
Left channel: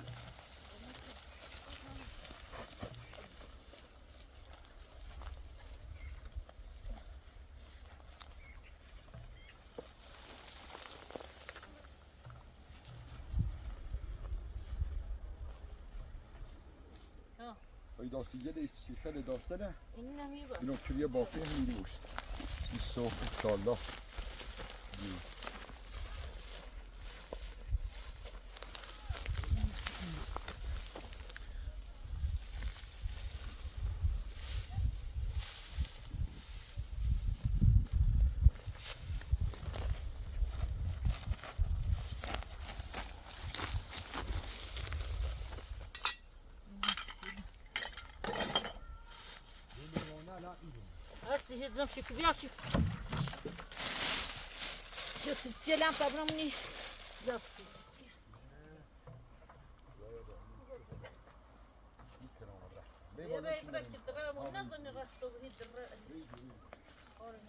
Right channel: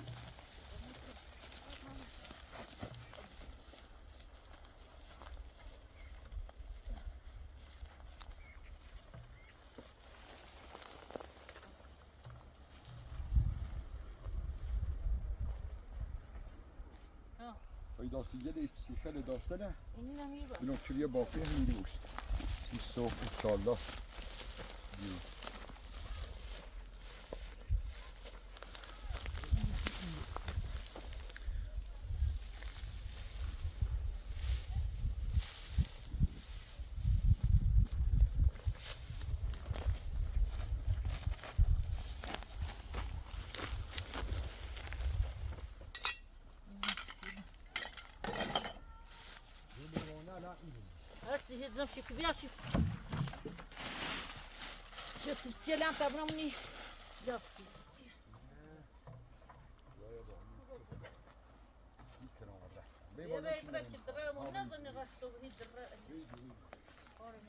ای داستی جده ایستی خیلی داستانه این نمیره اینو کلیه باقی میروش این صبح انشالله هرچی هزم شکل بیا چی چه لامپ ابرامنی زفتی بیا برای چی درام نزنی راستو بهی درام آره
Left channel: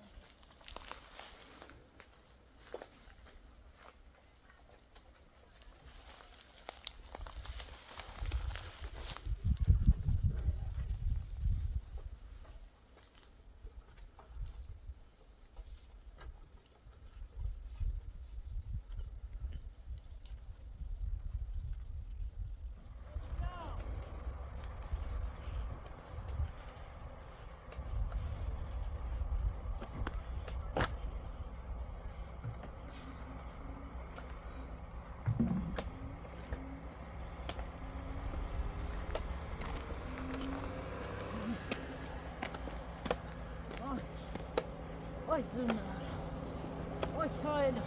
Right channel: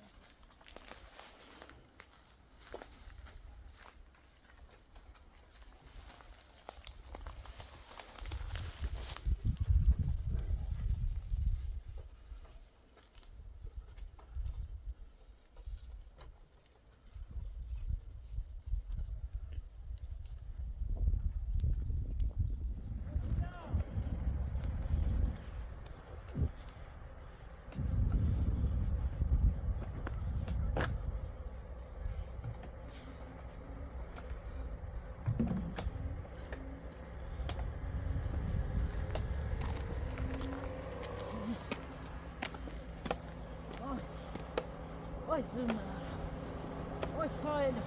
Oj, zoomar. Oj, Kyle.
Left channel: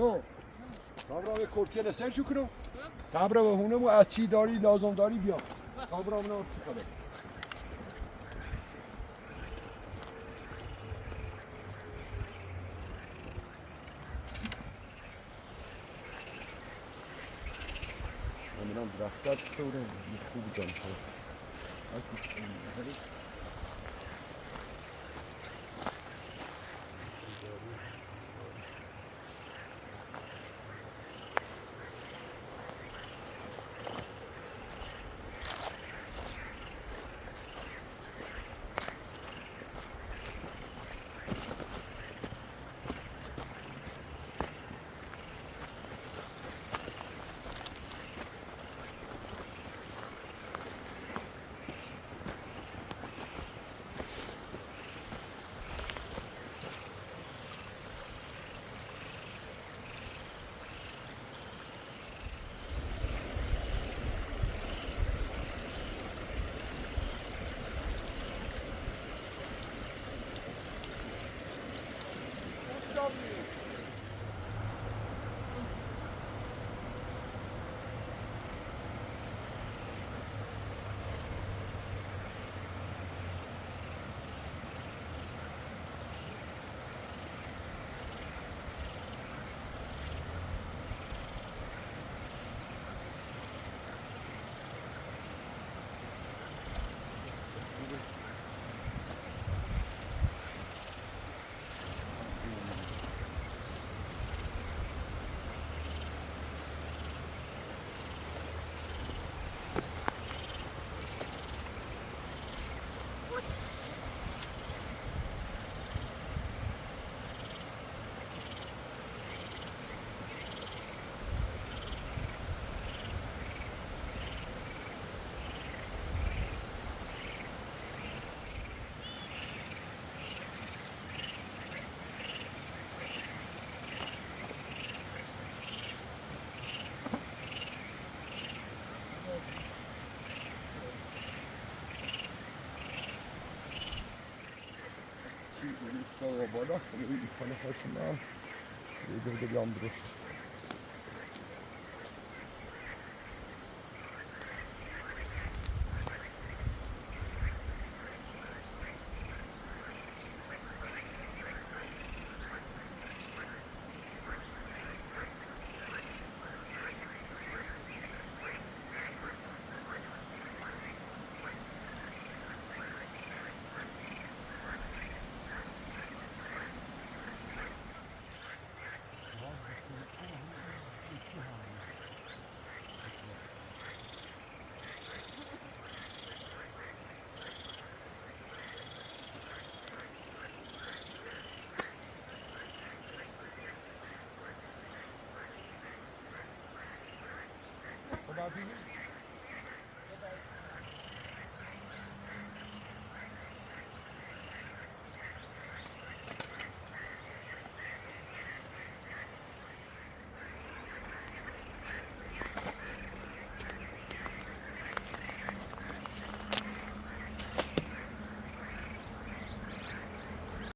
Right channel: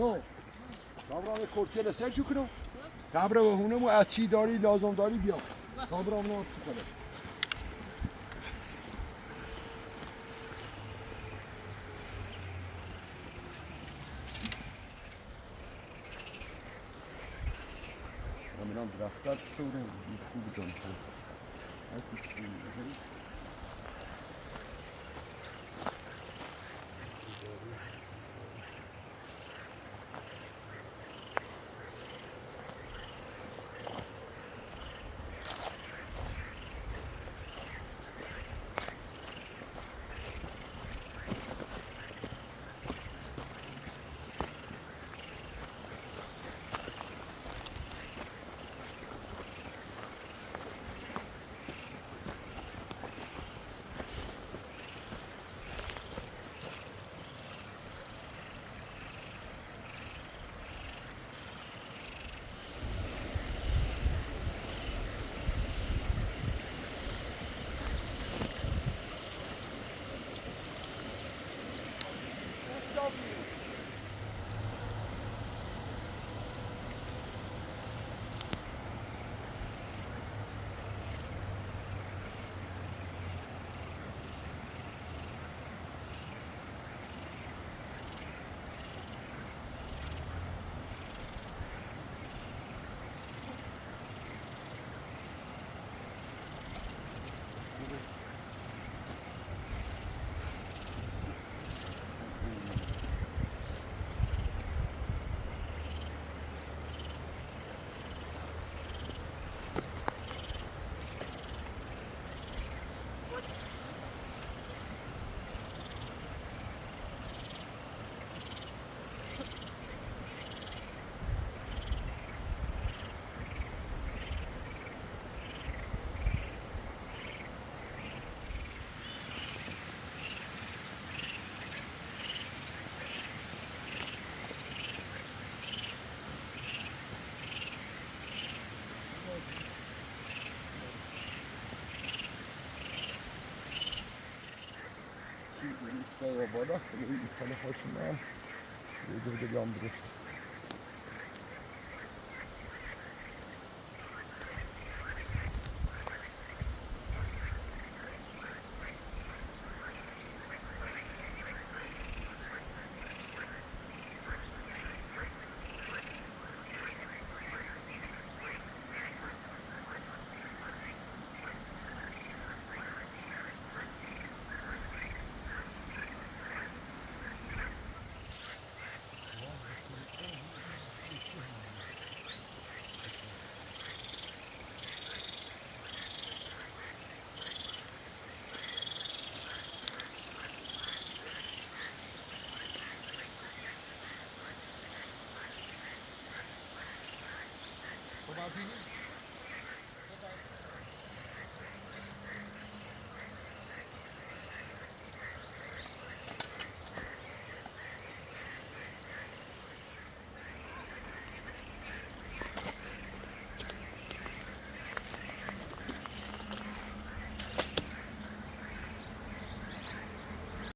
جو کابرام کرکیه لسر شو کنم کابرام هونمو از چی داری لازم داری بیا کابرام نه چی کنم من درفتات سوره خوب جان üstüne bardak, böyle ifade başına şöyle yandırır.